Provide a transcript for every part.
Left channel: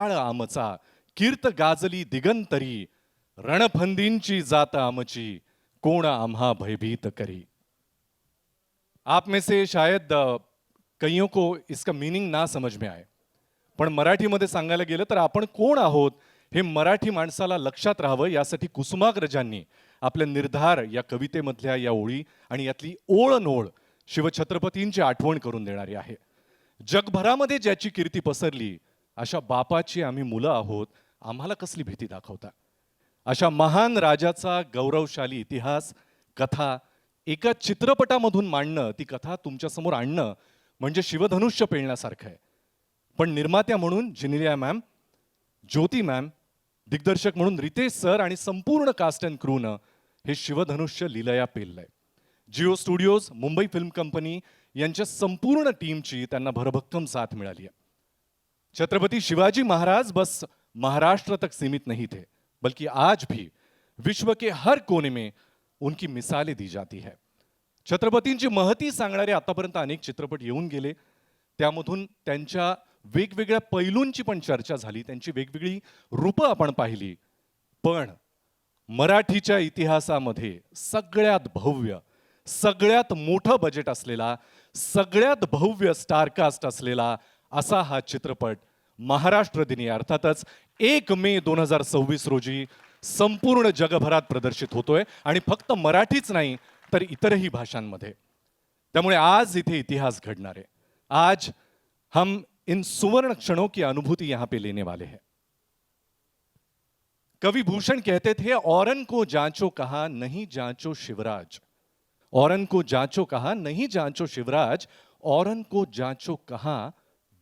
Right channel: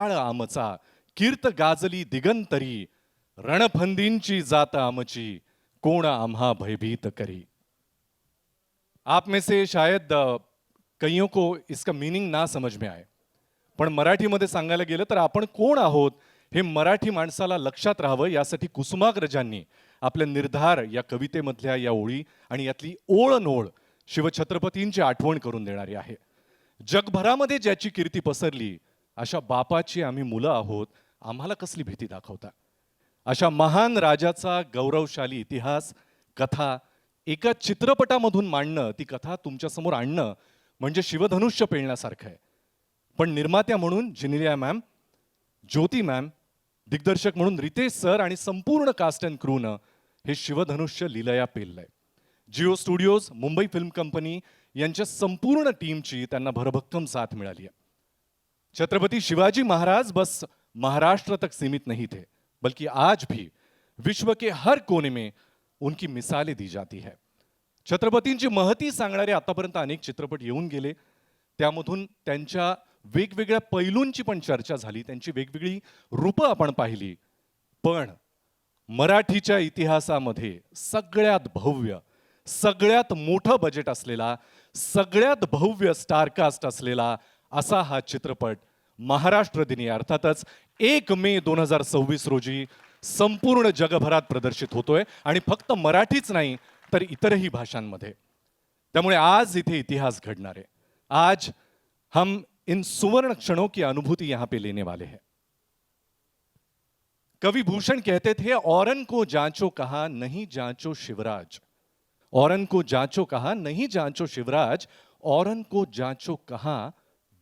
काळ आमचा कीर्त गाजली दिगंतरी रणफंदींची जात आमची कोण आम्हा भयभीत करी. आप में से शायद कईयों को इसका मीनिंग ना समझ में आए, पण मराठीमध्ये सांगायला गेलं तर आपण कोण आहोत हे मराठी माणसाला लक्षात राहावं यासाठी कुसुमाग्रजांनी आपल्या निर्धार या कवितेमधल्या या ओळी आणि यातली ओळनोळ शिवछत्रपतींची आठवण करून देणारी आहे. जगभरामध्ये ज्याची कीर्ती पसरली अशा बापाची आम्ही मुलं आहोत, आम्हाला कसली भीती दाखवता. अशा महान राजाचा गौरवशाली इतिहास कथा एका चित्रपटामधून मांडणं, ती कथा तुमच्यासमोर आणणं म्हणजे शिवधनुष्य पेलण्यासारखं आहे. पण निर्मात्या म्हणून जिनिलिया मॅम, ज्योती मॅम, दिग्दर्शक म्हणून रितेश सर आणि संपूर्ण कास्ट अँड क्रूनं हे शिवधनुष्य लीलया पेललंय. Jio studios, Mumbai film company यांच्या संपूर्ण टीमची त्यांना भरभक्कम साथ मिळाली आहे. छत्रपति शिवाजी महाराज बस महाराष्ट्र तक सीमित नहीं थे, बल्कि आज भी विश्व के हर कोने में उनकी मिसालें दी जाती है. छत्रपतींची महती सांगणारे आतापर्यंत अनेक चित्रपट येऊन गेले, त्यामधून त्यांच्या वेगवेगळ्या पैलूंची पण चर्चा झाली, त्यांची वेगवेगळी रूपं आपण पाहिली. पण मराठीच्या इतिहासामध्ये सगळ्यात भव्य, सगळ्यात मोठं बजेट असलेला, सगळ्यात भव्य स्टारकास्ट असलेला असा हा चित्रपट महाराष्ट्र दिनी अर्थातच 1 मे 2026 रोजी संपूर्ण जगभरात प्रदर्शित होतोय आणि फक्त मराठीच नाही तर इतरही भाषांमध्ये. त्यामुळे आज इथे इतिहास घडणार आहे. आज हम इन सुवर्ण क्षणों की अनुभूति यहां पे लेने वाले हैं. कवि भूषण कहते थे, औरन को जांचो कहा नहीं जांचो शिवराज. औरन को जांचो कहा नहीं जांचो शिवराज, औरन को जांचो कहा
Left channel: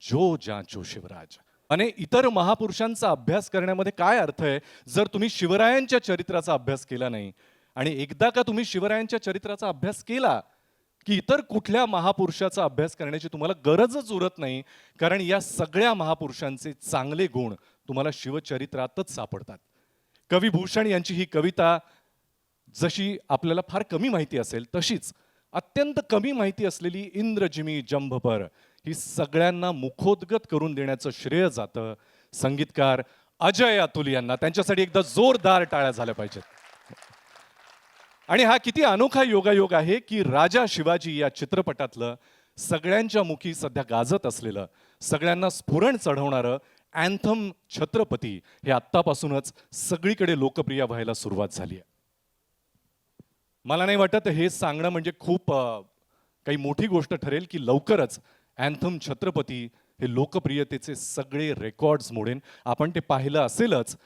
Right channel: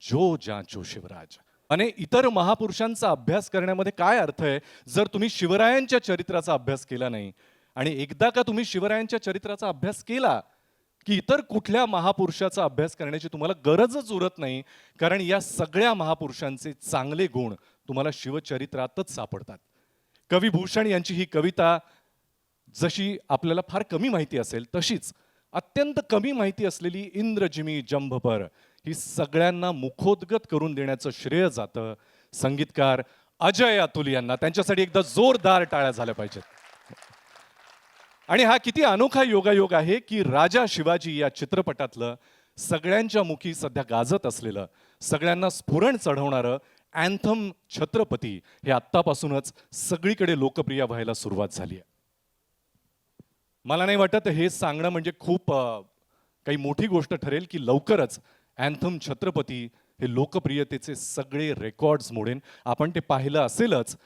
जो जांचो शिवराज. आणि इतर महापुरुषांचा अभ्यास करण्यामध्ये काय अर्थ आहे जर तुम्ही शिवरायांच्या चरित्राचा अभ्यास केला नाही. आणि एकदा का तुम्ही शिवरायांच्या चरित्राचा अभ्यास केला की इतर कुठल्या महापुरुषाचा अभ्यास करण्याची तुम्हाला गरजच उरत नाही, कारण या सगळ्या महापुरुषांचे चांगले गुण तुम्हाला शिवचरित्रातच सापडतात. कवी भूषण यांची ही कविता जशी आपल्याला फार कमी माहिती असेल तशीच अत्यंत कमी माहिती असलेली इंद्रजिमी जंभपर ही सगळ्यांना मुखोद्गत करून देण्याचं श्रेय जातं संगीतकार अजय अतुल यांना. त्यांच्यासाठी एकदा जोरदार टाळ्या झाल्या पाहिजेत. आणि हा किती अनोखा योगायोग आहे की राजा शिवाजी या चित्रपटातलं सगळ्यांच्या मुखी सध्या गाजत असलेलं, सगळ्यांना स्फुरण चढवणारं अँथम छत्रपती हे आत्तापासूनच सगळीकडे लोकप्रिय व्हायला सुरुवात झाली आहे. मला नाही वाटत हे सांगणं म्हणजे खूप काही मोठी गोष्ट ठरेल की लवकरच अँथम छत्रपती हे लोकप्रियतेचे सगळे रेकॉर्ड्स मोडेन. आपण ते पाहिलं असेलच,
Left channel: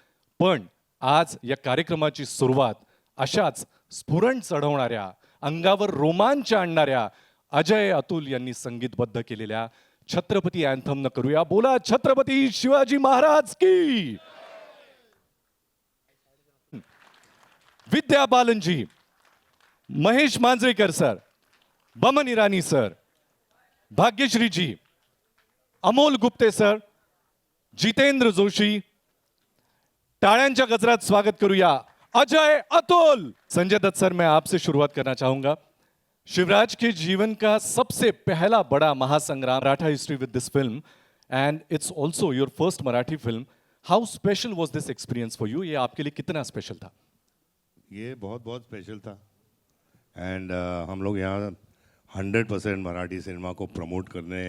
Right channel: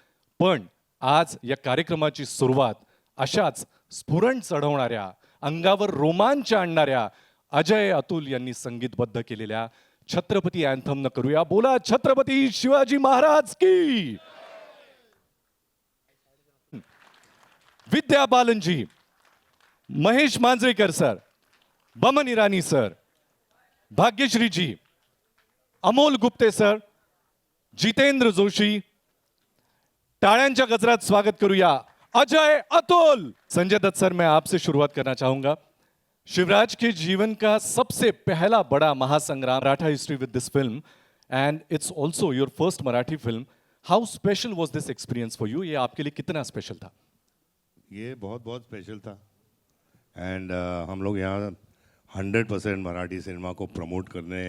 पण आज या कार्यक्रमाची सुरुवात अशाच स्फुरण चढवणाऱ्या, अंगावर रोमांच आणणाऱ्या अजय अतुल यांनी संगीतबद्ध केलेल्या छत्रपती अँथम न करूया. बोला छत्रपती शिवाजी महाराज की. विद्या बालनजी, महेश मांजरेकर सर, बमन इरानी सर, भाग्यश्री जी, अमोल गुप्ते सर, जितेंद्र जोशी, टाळ्यांच्या गजरात स्वागत करूया अजय अतुल. संजय दत्त सर, मैं आपसे शुरुआत करना चाहूंगा. शिवराज के जीवन का सबसे पहला बड़ा महासंग्राम, Maratha history with this film and it's also your first Marathi film. How special was this experience for you? ये आपके लिए कितना स्पेशल था? ये बहुत बहुत स्पेशल था. एंड हम लोग यहाँ 100% मराठी सिनेमा को प्रमोट करने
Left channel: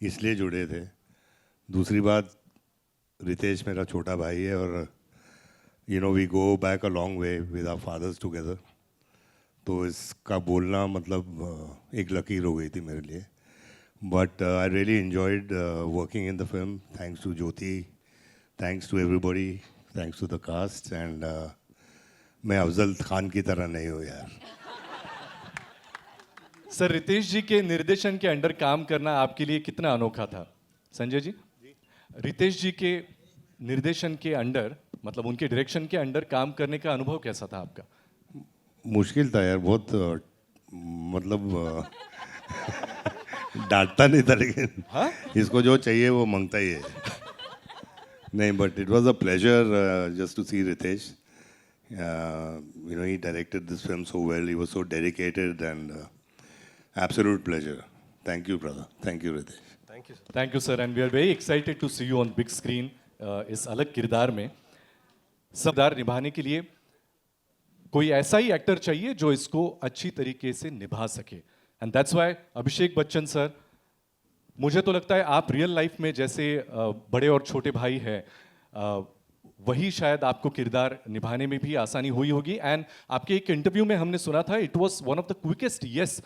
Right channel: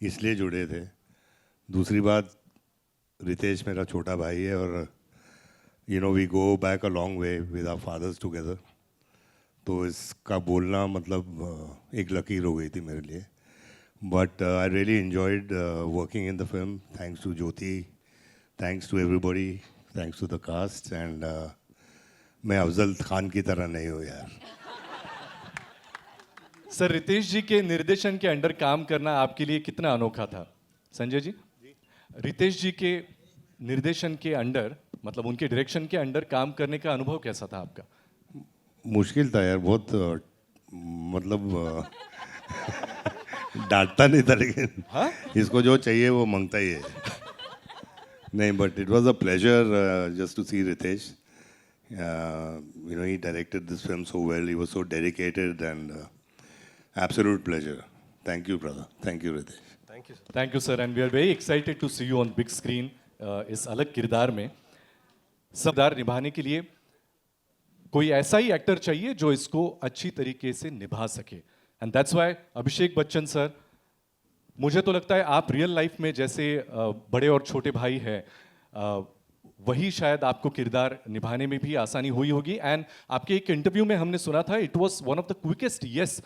इसलिए जुड़े थे. दूसरी बात, रितेश मेरा छोटा भाई है और you know we go back a long way with our fathers together. तो इसका बोलना मतलब एक लकीर हो गई थी मेरे लिए. But I really enjoyed working in the film. Thanks to Jyoti, thanks to everybody, thanks to the cast. And मैं अफजल खान की तरह नहीं हूँ यार. सर, रितेश जी के निर्देशन के अंडर काम करना आपके लिए कितना अनोखा था? संजय जी, रितेश जी के निर्देशन के अंडर, मतलब उनके डायरेक्शन के अंडर काम करने का अनुभव कैसा था आपका? मुश्किल था यार बहुत. मतलब डांटता नहीं था लेकिन हाँ? इसको जो चाहिए वो मांगता ही है. नहीं, but it was a pleasure just to see Riteish. You know, he directed this film so well. He was so dedicated and absolute pleasure. Thank you, brother. Thank you, Ritesh. Thank you, sir. And we are very excited to see you on big screen इस अलग किरदार में किरदार निभाने के लिए कोई ऐसा ही actor चाहिए जो इसको अच्छी तरीके से निभा सके, एंड दैट्स व्हाई अभिषेक बच्चन सर, मुझे तो लगता है आप रियल लाइफ में जैसे बड़े और छोटे भाई हैं, वही शायद आपको किरदार निभाने में भी आसानी हुई होगी। एंड आपके एक इंटरव्यू में हमने सुना था इट वाज one of the quickest yes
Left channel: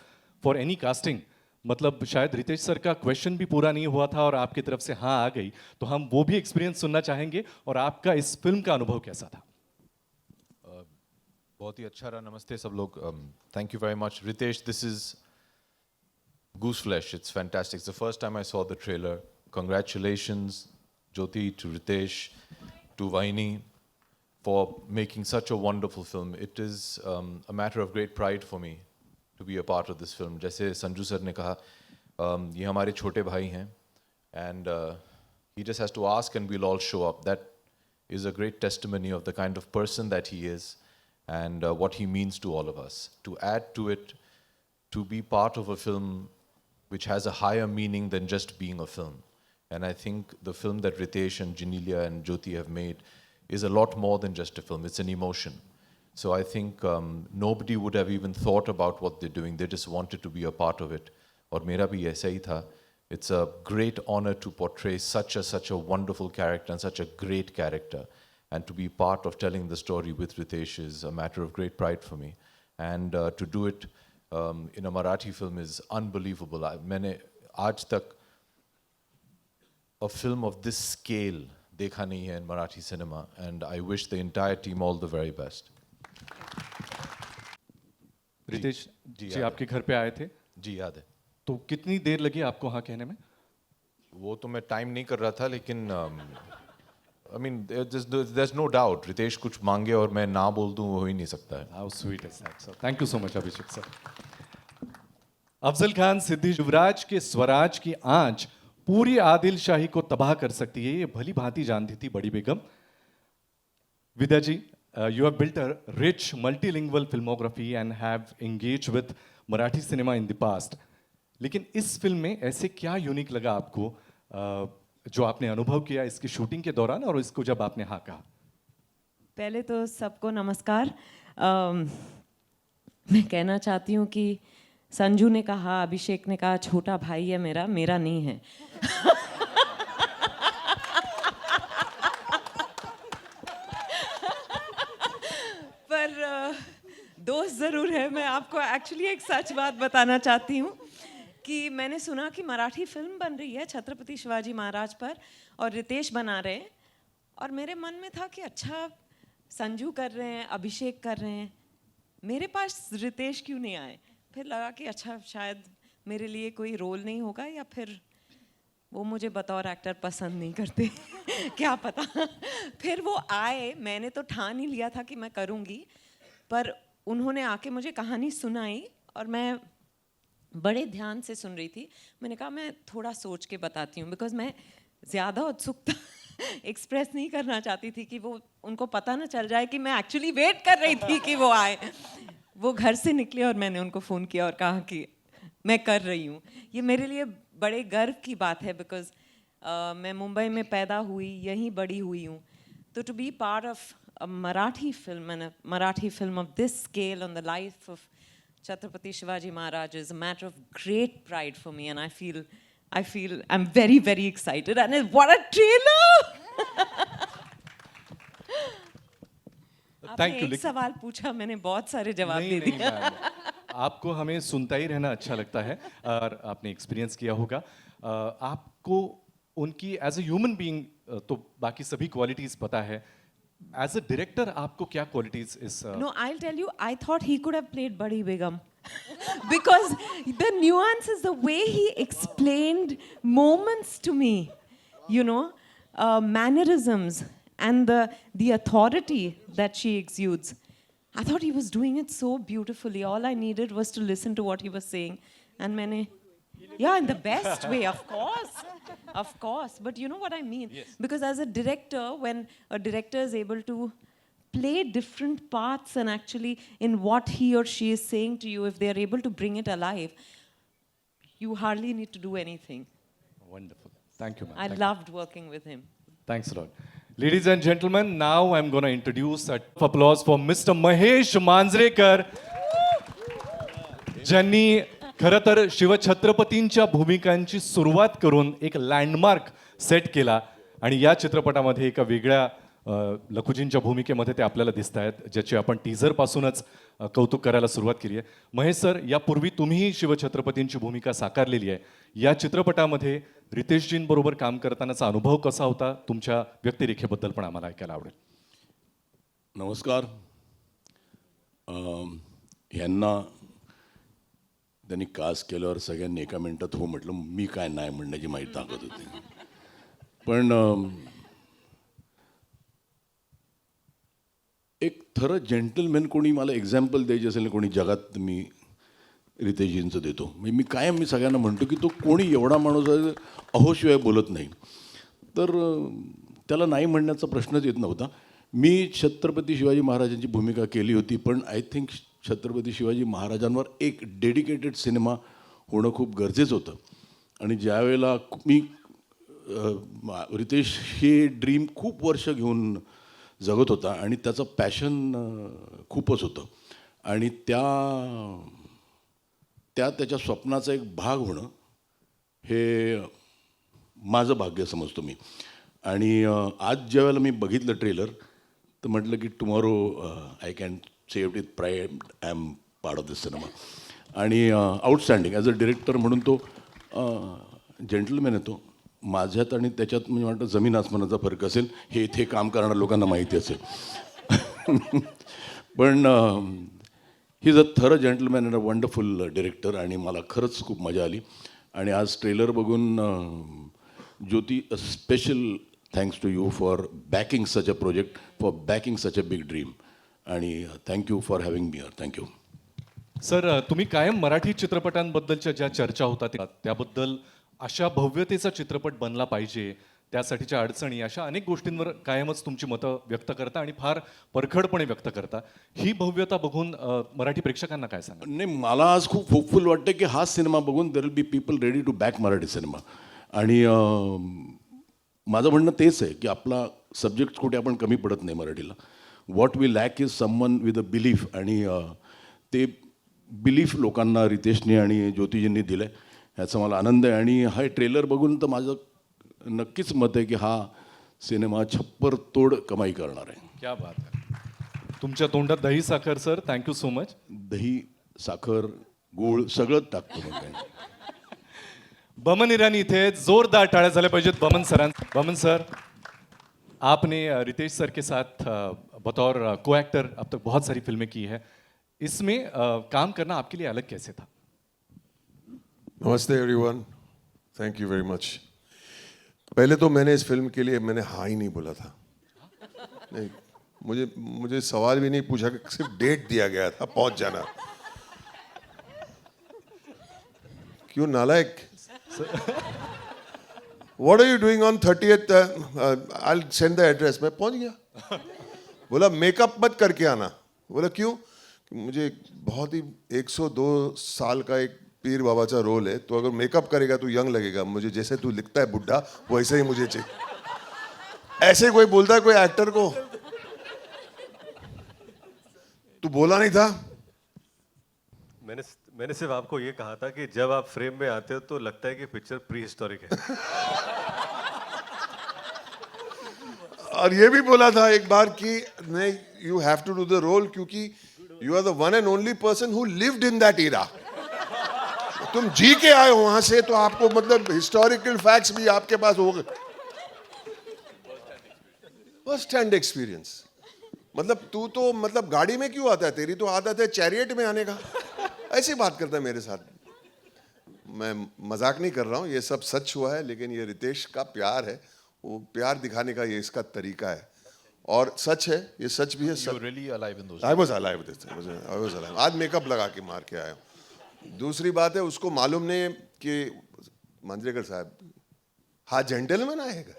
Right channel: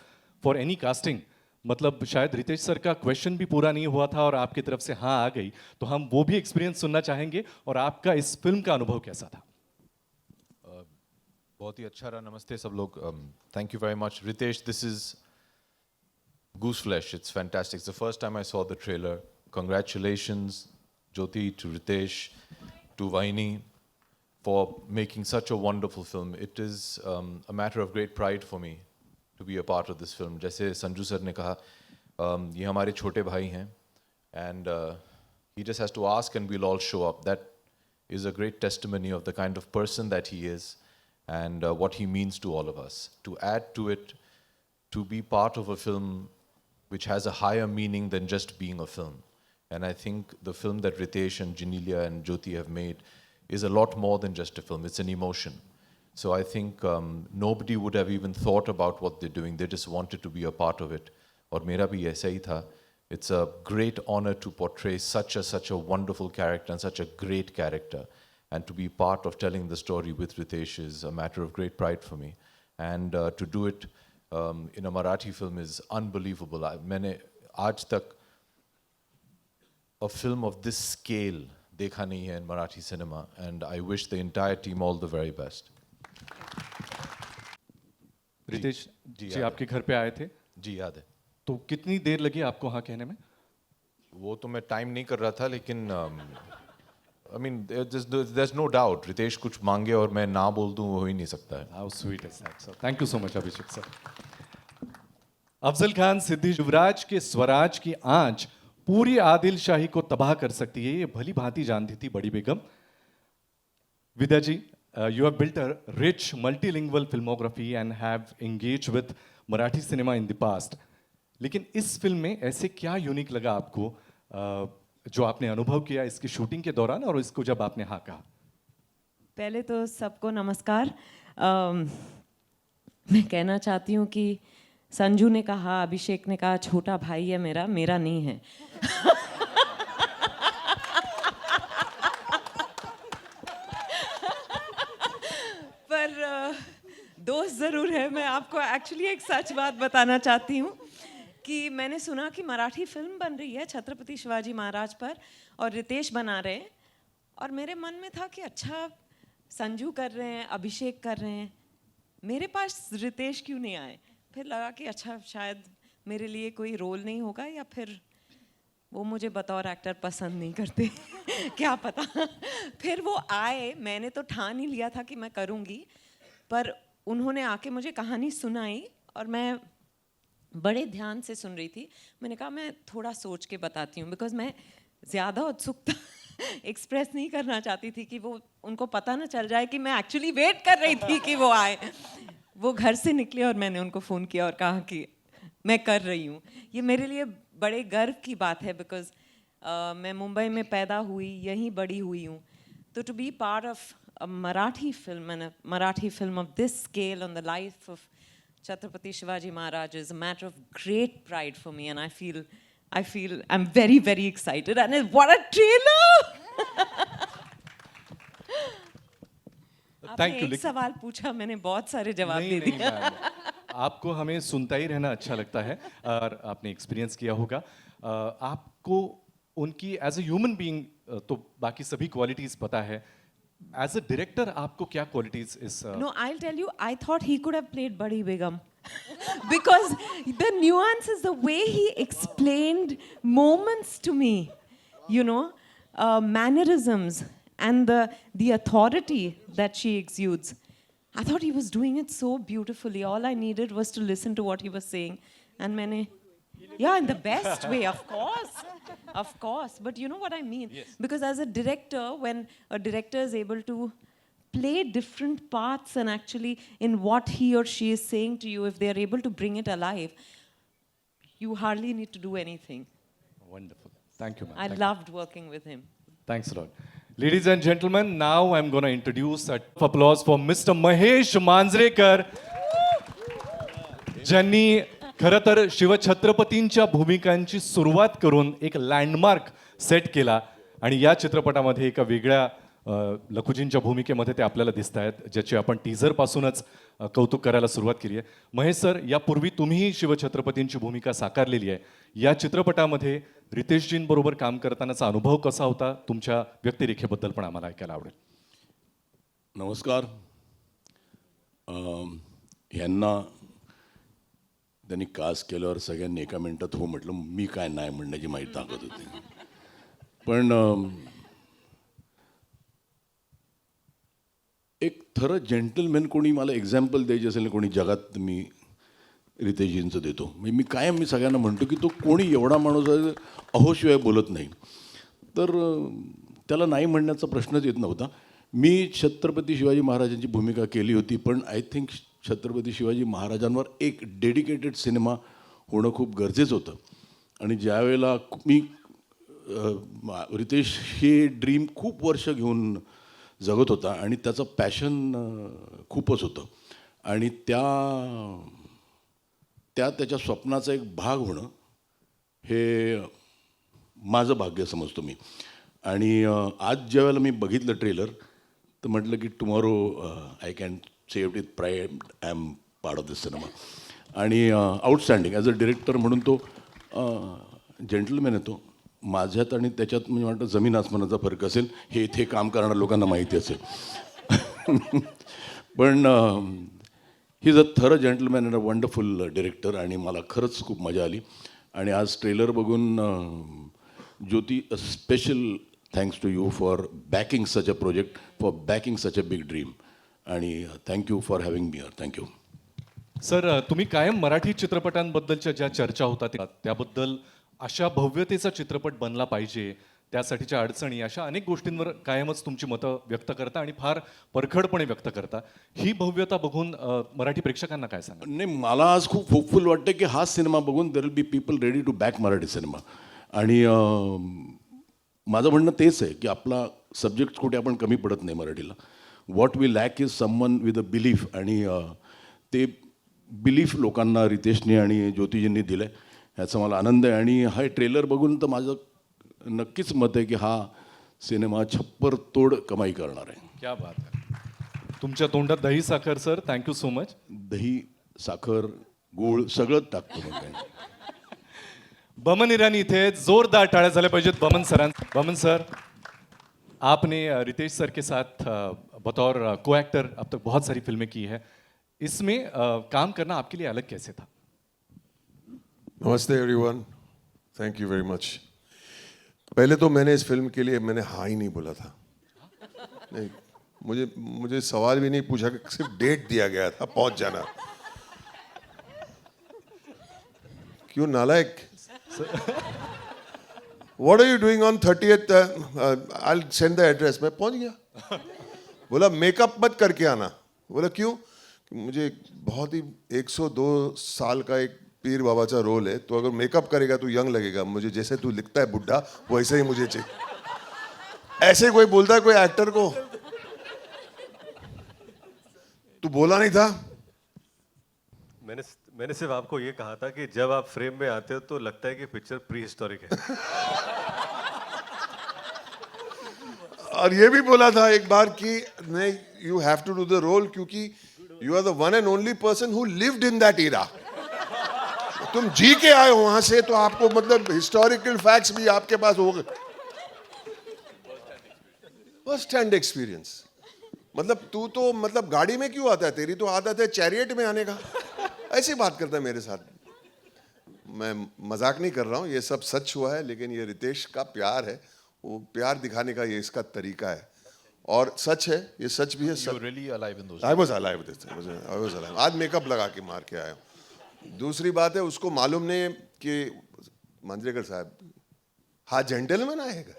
for any casting, मतलब शायद रितेश सर का क्वेश्चन भी पूरा नहीं हुआ था और आपकी तरफ से हाँ आ गई, तो हम वो भी एक्सपीरियंस सुनना चाहेंगे और आपका इस फिल्म का अनुभव कैसा था। बहुत ही अच्छा रहा। नमस्ते सब लोग। Thank you very much Riteish. This is Goose Flesh. It's fantastic. It's the first time I saw the trailer. Congratulations, Jyoti, to Ritesh, to Vaini, for making such a wonderful film. It is a matter of great pride for me to be a part of this film. जैसे Sanju sir ने कहा, ये हमारे छोटे भाई हैं, and he just has to ask and we'll all show up. That is a great testimony of the kind of person that he is and what he means to all of us. To add to it, to be part of a film which has a higher meaning than just being a film. And I think the film that Ritesh and Janelia and Jyoti have made is a lot more than just a film. It's an emotion. So I think nobody would have even thought about what they're doing. They just wanted to be a part of it. और मेरा भी ऐसा ही था. It's a great honor to portray such a wonderful character and such a great character. And to be part of telling the story with Ritesh is a matter of great pride for me. And to do it in a Marathi film is unbelievable. मैंने आज तक a film of this scale देखा नहीं है in Marathi cinema, and I wish the entire team all the very best. Riteish जी, जी आपके घर पे आए थे, जी याद है। तो कितनी देर लगी आपको हाँ कहने में? वो तो मैं टाइम नहीं कर रहा था, लेकिन I mean there's no doubt Riteish कुछ मांगे और मैं ना बोल दूं, वो हो ही नहीं सकता है। How sweet is that, sir? Thank you so much, Abhishek sir. Afzal Khan Siddiqui, Yuvraj के स्वराज की आंच पूरी आदिल शाही को तबाह कर सकती है, ये भली भांति जानती थी बड़ी बेगम। विद्या जी, you have built a rich multilingual filmography and have engaged with Marathi cinema in the past. लेकिन इस फिल्म में ऐसे क्या यूनिक लगा आपको जो आपने अनुभव किया इसकी शूटिंग के दौरान और इसको जब आपने हाँ कहा? पहले तो सबको नमस्कार। मैं कहना चाहती हूँ कि संजू ने कहा, अभिषेक ने कहा छोटा भाई है मेरा, मेरा नहीं है। पर दोस्त ज़रूर है। मैं आपको एक्चुअली एक सच बात बताना चाहती हूँ कि मैंने सुना कि मराठी फिल्म बन रही है छत्रपति शिवाजी महाराज पर और रितेश बना रहे हैं, और मेरे मन में था कि अच्छा संजू कर रहे हैं, अभिषेक कर रहे हैं, मेरे पास रितेश क्यों नहीं आए? फिर लगा कि अच्छा शायद मेरे लिए कोई रोल नहीं होगा, या फिर वो मुझे बतौर एक्टर पसंद नहीं करते क्या पता। फिर वो आए, मैंने तो ठान ही लिया था कि मैं करूँगी, पर उन्होंने आके मुझे कहानी सुनाई और मैं बड़े ध्यान से सुन रही थी। मैंने कहा मैं थोड़ा सोच के बताती हूँ, बिकॉज मैं ज़्यादा उत्सुकता एक्सप्रेस नहीं करना चाहती थी कि वो उनको पता ना चल जाए कि मैं एक्चुअली वेट कर रही थी कि वो आए। वो घर से निकले और मैंने उनको फ़ोन किया और कहा कि मैं कर रही हूँ। ये मेरे लिए बड़े गर्व की बात है, बिकॉज मैं मुंबई में पैदा हुई, यहीं बड़ी हुई हूँ। तो to be part of a Marathi film and a Marathi film of this scale on the life of Chhatrapati Shivaji Maharaj is a matter of great pride for me, and I feel I'm very, very excited. And what a trailer! Thank you. एक सवाल पूछा, मैंने बहुत सारे जवाब नहीं, दे नहीं, दिए। Ma'am. आपको हमें सुनता ही रहना अच्छा लगता है और आपने एक्सपीरियंस किया होगा। आपको उनकी एज ए ह्यूमन बीइंग तो बाकी सभी क्वालिटीज पता है, एज अ डायरेक्टर आपको क्या qualities is No, I'll tell you, I thought he could have played Badi Begum. Because the nuances, the way he explained moments to me, you know, mannerisms and the authority that she exudes. I thought he was doing it so beautifully. All I needed was to listen to what he was saying. And Maine, yeah, in the best way, of course. Of course. But you know what I mean? Yes. Because as a director, when a director is able to play different parts and actually in what he or she is saying to you, if they are able to bring it alive, you hardly need to do anything. Wonderful. Thank you, ma'am. I Thank you. loved working with him. Thanks a lot. Ladies and gentlemen, now I'm going to introduce a applause for Mr. Mahesh Manjrekar, ज्यांनी खरं तर शिवछत्रपतींच्या भूमिकांची सुरुवात करून एक landmark set केला आणि या चित्रपटामध्ये एका वेगळ्या लखुजींच्या भूमिकेमध्ये ते आपल्याला दिसत आहेत, ज्याची आपण टीझरपासूनच कौतुक करायला सुरुवात केली आहे. महेश सर, यापूर्वी तुम्हीही शिवछत्रपतींची भूमिका साकारलेली आहे. या चित्रपटामध्ये रितेशजींबरोबर काम करतानाचा अनुभव कसा होता? तुमच्या व्यक्तिरेखेबद्दल पण आम्हाला ऐकायला आवडेल. नमस्कार. ह्यांना त्यांनी कास्ट केल्यावर सगळ्यांनी एका मिनिटात हो म्हटलं. मी काय नाही म्हणण्याची माहिती ताकद होती. पण एक थरं जेंटलमॅन कोणी मला एक्झाम्पल द्यायची असेल ना कोणी जगात, मी रितेशजींचं देतो. म्हणजे मी कायम मी सगळ्यांना म्हणतो की तो कोणी एवढा माणूस आहे अहोशिवाय बोलत नाही. तर त्याला नाही म्हणण्याचा प्रश्नच येत नव्हता. मी छत्रपती शिवाजी महाराजांची भूमिका केली होती, पण आय थिंक छत्रपती शिवाजी महाराजांवर एक डेडिकेटेड सिनेमा होणं खूप गरजेचं होतं. आणि ज्यावेळेला मी रितेश हे ड्रीम खूप वर्ष घेऊन जगत होता आणि त्याचं पॅशन खूपच होतं आणि त्याच्या स्वप्नाचा एक भाग होणं हे माझं भाग्य समजतो मी. आणि आज ज्यावेळेला मी बघितलं ट्रेलर तर म्हटलं की tomorrow I can say it with pride I am part of this cinema. आणि आउटस्टँडिंग ॲज अ डिरेक्टर म्हणून तो जेंटलमॅन येतो. माझ्यात आणि त्याच्यात म्हणजे वाटतं जमीन आसमानाचा फरक असेल हे इथे काम करणाऱ्या लोकांना माहिती असेल. पण ही इज अ थर gentleman and a wonderful director आणि मला खरंच खूप मजा आली. आणि आज ट्रेलर बघून Jyoti, a special thanks to you for backing such a project, for backing such a big dream. आणि thank you for having me here. Thank you. Sir, तुम्ही कायम मराठी चित्रपटांबद्दलच्या ज्या चर्चा होतात त्याबद्दल अशा भव्यतेचा चित्रपट बनला पाहिजे, त्यासाठीच्या अडचणी, अशा अनेक गोष्टींवर कायमच तुमची मतं व्यक्त करता आणि फार परखडपणे व्यक्त करता. ही भव्यता बघून मराठी प्रेक्षकांना काय सांगा? नाही, मला आज खूप होपफुल वाटतं की हा सिनेमा बघून there will be people ready to back Marathi cinema. आणि माझं म्हणणं तेच आहे की आपला सब्जेक्ट कुठे आपण कमी पडत नाही मराठीला. What we lack is someone with a belief. आणि ते बिलीफ लोकांना रितेशने आणि ज्योतिजींनी दिलं आहे, ह्याचा मला आनंद आहे. आणि हा ट्रेलर बघून तर माझं नक्कीच मत आहे की हा सिनेमा छप्पर तोड कमाई करणार आहे. क्या बात आहे. तुमच्या तोंडात दही साखर सर. Thank you so much. दही, साखर, गूळ सगळंच टाकतो मग काय. बमन ईरानी इथे जोरदार टाळ्या झाल्या पाहिजेत बमन सरां. बमन सर, आपने रितेश सर के साथ बतौर को एक्टर अब तक बहुत सारी फिल्में की है. इसमें काम करना आपके लिए अलग कैसे था? नमस्ते everyone, thank you very much. पहले तो मैंने इस फिल्म के लिए मैंने हाँ ही नहीं बोला था. नहीं, मुझे सवाल भी नहीं पूछा, सिर्फ डेट दिया गया था पहुंच जाना. क्यों नालायक? What are you doing on 30th? I will send the address. मैं पहुंच गया. बोला मेकअप मत करके आना. बोला क्यों? मुझे बहुत ही 102 साल का एक पीर बाबा का रोल है, तो अगर मेकअप करेगा तो यंग लगेगा. मुझे जैसे तू लिखता है बुढ़ा वैसे ही मुझे चाहिए. ऐसे कोई बोलता है कोई एक्टर को? तू बोला नहीं था? मैंने सिर्फ आपको ये कहा था कि जब आप फ्रेम में आते हो तो लगता है कि पिक्चर प्री हिस्टोरिक है. और ये भी बोला था एक बार कि नहीं, you have to do the role क्योंकि you are the one and only person who lived in that era. तुम जी के आए हो वहां से, तो आपको मतलब हिस्टोरिकल फैक्ट्स भी आपके पास होंगे. First hand experience. मतलब तू तो मतलब गाड़ी में क्यों आता है? तेरी तो आदत है चैरियट में आने का. ऐसी बात करता है मेरे साथ. मैं मजाक नहीं कर रहा हूँ, ये सब सच हुआ है. लेकिन ये रितेश का प्यार है, वो प्यार दिखाने का ये इसका तरीका है और सच है, ये सच भी है. You were really alive in those I was alive with this. I was alive. आज मेकअप लगा के मार के आया हूँ. दूसरी बात है, उसको मालूम नहीं कि मांजरेकर साहब हा जेंटलमैन आएगा.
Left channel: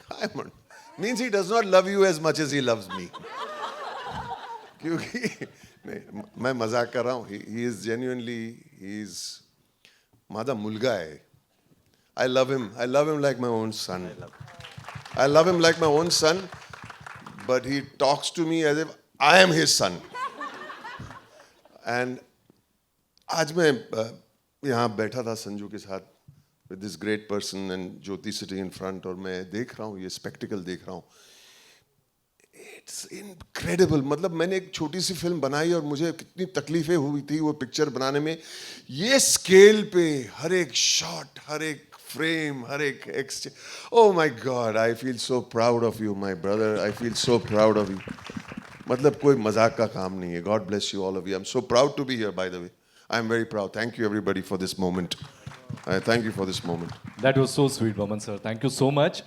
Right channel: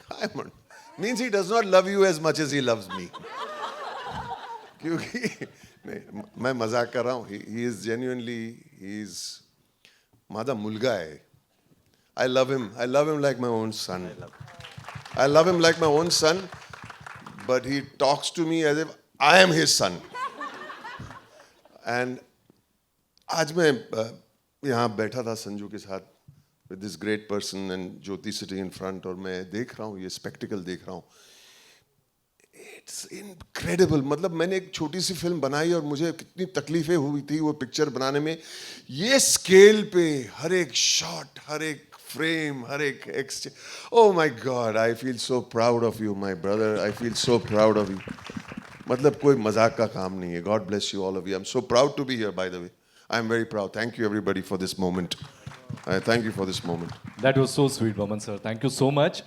काय म्हण means he does not love you as much as he loves me. क्योंकि नहीं, मैं मजाक कर रहा हूँ. He is genuinely, he is माझा मुलगा आहे. I love him. I love him like my own son. I love him like my own son, but he talks to me as if I am his son. And आज मैं यहाँ बैठा था संजू के साथ with this great person and Jyoti sitting in front, और मैं देख रहा हूँ ये स्पेक्टिकल देख रहा हूँ. It's incredible. मतलब मैंने एक छोटी सी फिल्म बनाई और मुझे कितनी तकलीफें हुई थी वो पिक्चर बनाने में. ये स्केल पे हर एक शॉट, हर एक फ्रेम, हर एक exchange. Oh my God, I feel so proud of you, my brother. I feel so proud of you. मतलब कोई मजाक का काम नहीं है. God bless you, all of you. I'm so proud to be here, by the way. I'm very proud. Thank you, everybody, for this moment. I thank you for this moment. That was so sweet, Vaman sir. Thank you so much.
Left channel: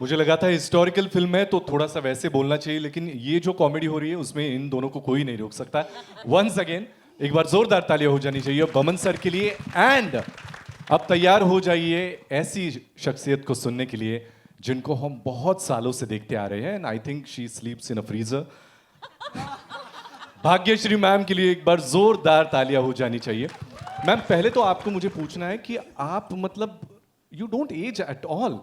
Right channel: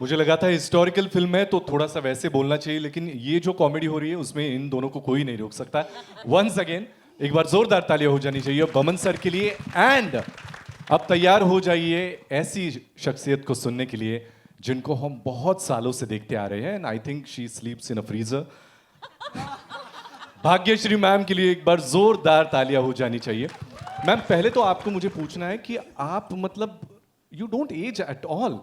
मुझे लगा था historical film है तो थोड़ा सा वैसे बोलना चाहिए, लेकिन ये जो कॉमेडी हो रही है उसमें इन दोनों को कोई नहीं रोक सकता. वंस अगेन एक बार जोरदार तालियां हो जानी चाहिए बमन सर के लिए. एंड अब तैयार हो जाइए ऐसी शख्सियत को सुनने के लिए जिनको हम बहुत सालों से देखते आ रहे हैं. And I think she sleeps in a freezer. Bhagyashree ma'am के लिए एक बार जोरदार तालियां हो जानी चाहिए. मैम पहले तो आपको मुझे पूछना है कि आप मतलब you don't age at all.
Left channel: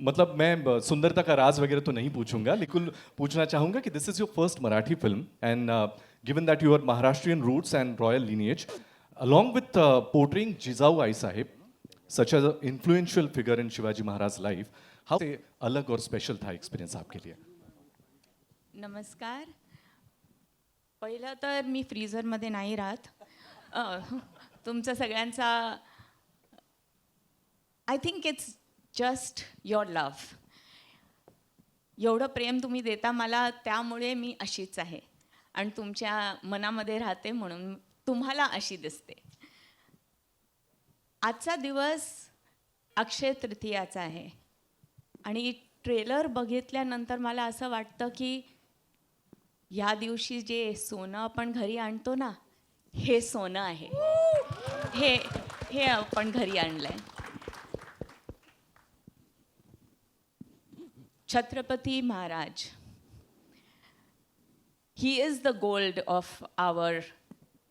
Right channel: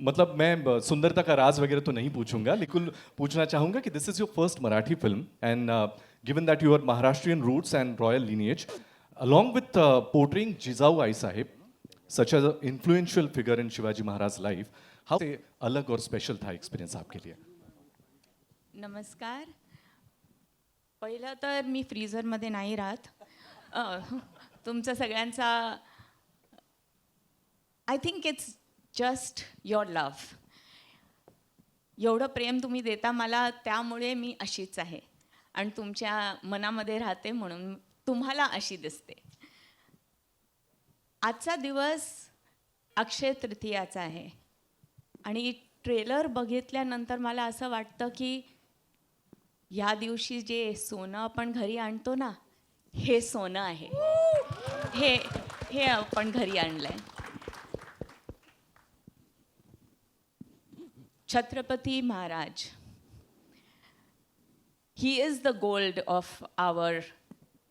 मतलब मैं सुंदरता का राज वगैरह तो नहीं पूछूंगा, लेकिन पूछना चाहूंगा कि this is your first Marathi film and given that you are Maharashtrian roots and royal lineage, along with portraying Jijau Ai Sahib, such as an influential figure in Shivaji Maharaj's life, how से अलग और स्पेशल था experience आपके लिए? नमस्कार. पहिलं तर मी फ्रीझरमध्ये नाही राहत. तुमचा सगळ्यांचा I think it's just your love. एवढं प्रेम तुम्ही देता मला, त्यामुळे मी अशीच आहे आणि तुमच्या मनामध्ये राहते म्हणून तुम्हाला अशी दिसते. आजचा दिवस अक्षय तृतीयाचा आहे आणि ट्रेलर बघितल्यानंतर मला असं वाटतं की या दिवशी जे सोनं आपण घरी आणतो ना, हे सोनं आहे. हे हे आपण घरी आणलंय. Chhatrapati Maharaj, he is the gold of our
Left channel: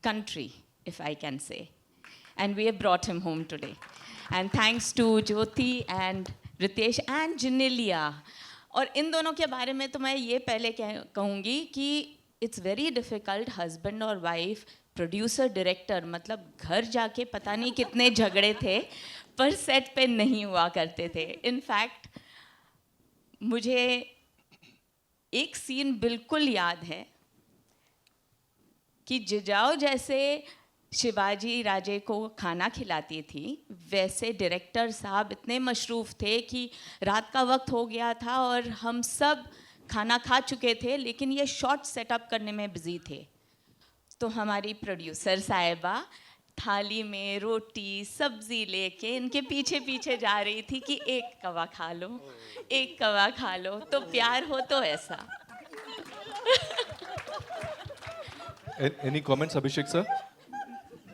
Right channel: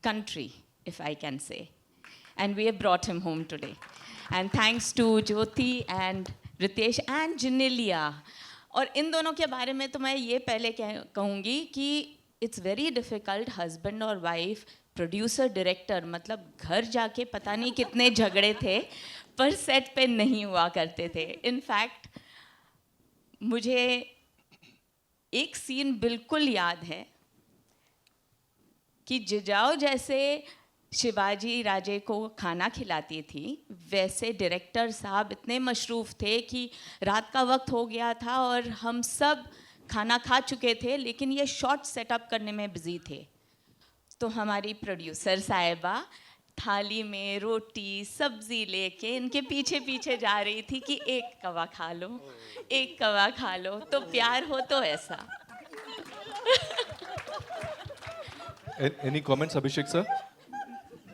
country, if I can say. And we have brought him home today. And thanks to Jyoti and Ritesh and Janelia. और इन दोनों के बारे में तो मैं ये पहले कहूँगी कि इट्स वेरी डिफ़िकल्ट हस्बैंड और वाइफ, प्रोड्यूसर डायरेक्टर, मतलब घर जाके पता नहीं कितने झगड़े थे पर सेट पे नहीं हुआ करते थे. इनफैक्ट मुझे एक सीन बिल्कुल याद है कि जिजाऊ जैसे शिवाजी राजे को खाना खिलाती थी, वैसे डायरेक्टर साहब इतने मशरूफ़ थे कि रात का वक्त हो गया था और हम सब खाना खा चुके थे, लेकिन ये शॉट सेटअप करने में बिज़ी थे. तो हमारी प्रोड्यूसर साहिबा थाली में रोटी सब्ज़ी लेके इनके पीछे पीछे जा रही थी कि एक कवा खा लो, एक कवा खा लो, तो प्यार हो तो ऐसा. एनी कमेंट्स अभिषेक सर?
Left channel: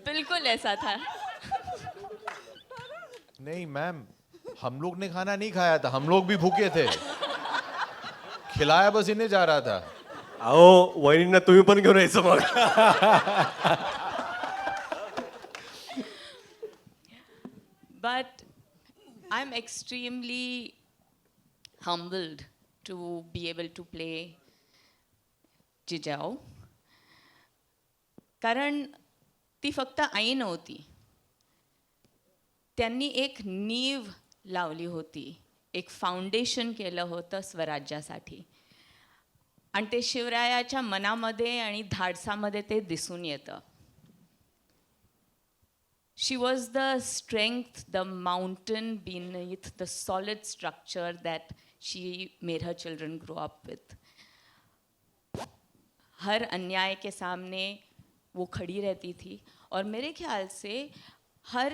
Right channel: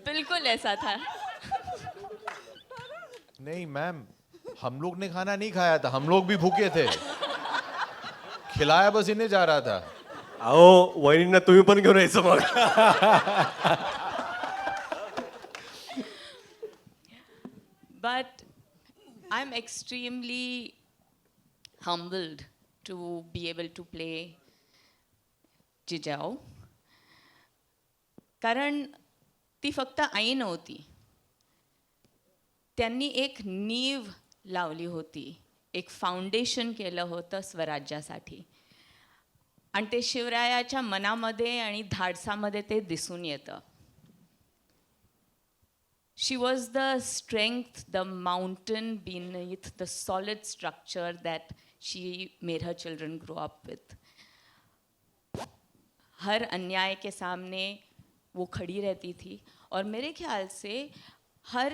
बिल्कुल ऐसा था. नहीं मैम, हम लोग ने खाना नहीं खाया था, हम लोग भी भूखे थे. खिलाया बस इन्हें जा रहा था. अहो वहिनींना तुम्ही पण घेऊन यायचं मग. But I'm extremely humbled to be able to play Jijau. कारण ती फक्त आई नव्हती, त्यांनी एक नीव लावली होती, एक फाउंडेशन केलं होतं स्वराज्यासाठी आणि ते शिवरायाच्या मनामध्ये आणि धाडसामध्ये ते दिसून येतं. She was the strength, the mountain beneath the solid structure that she made her children grow up with. हर अन्याय के सामने वो खड़ी रहती थी और मेरे ख्याल से हर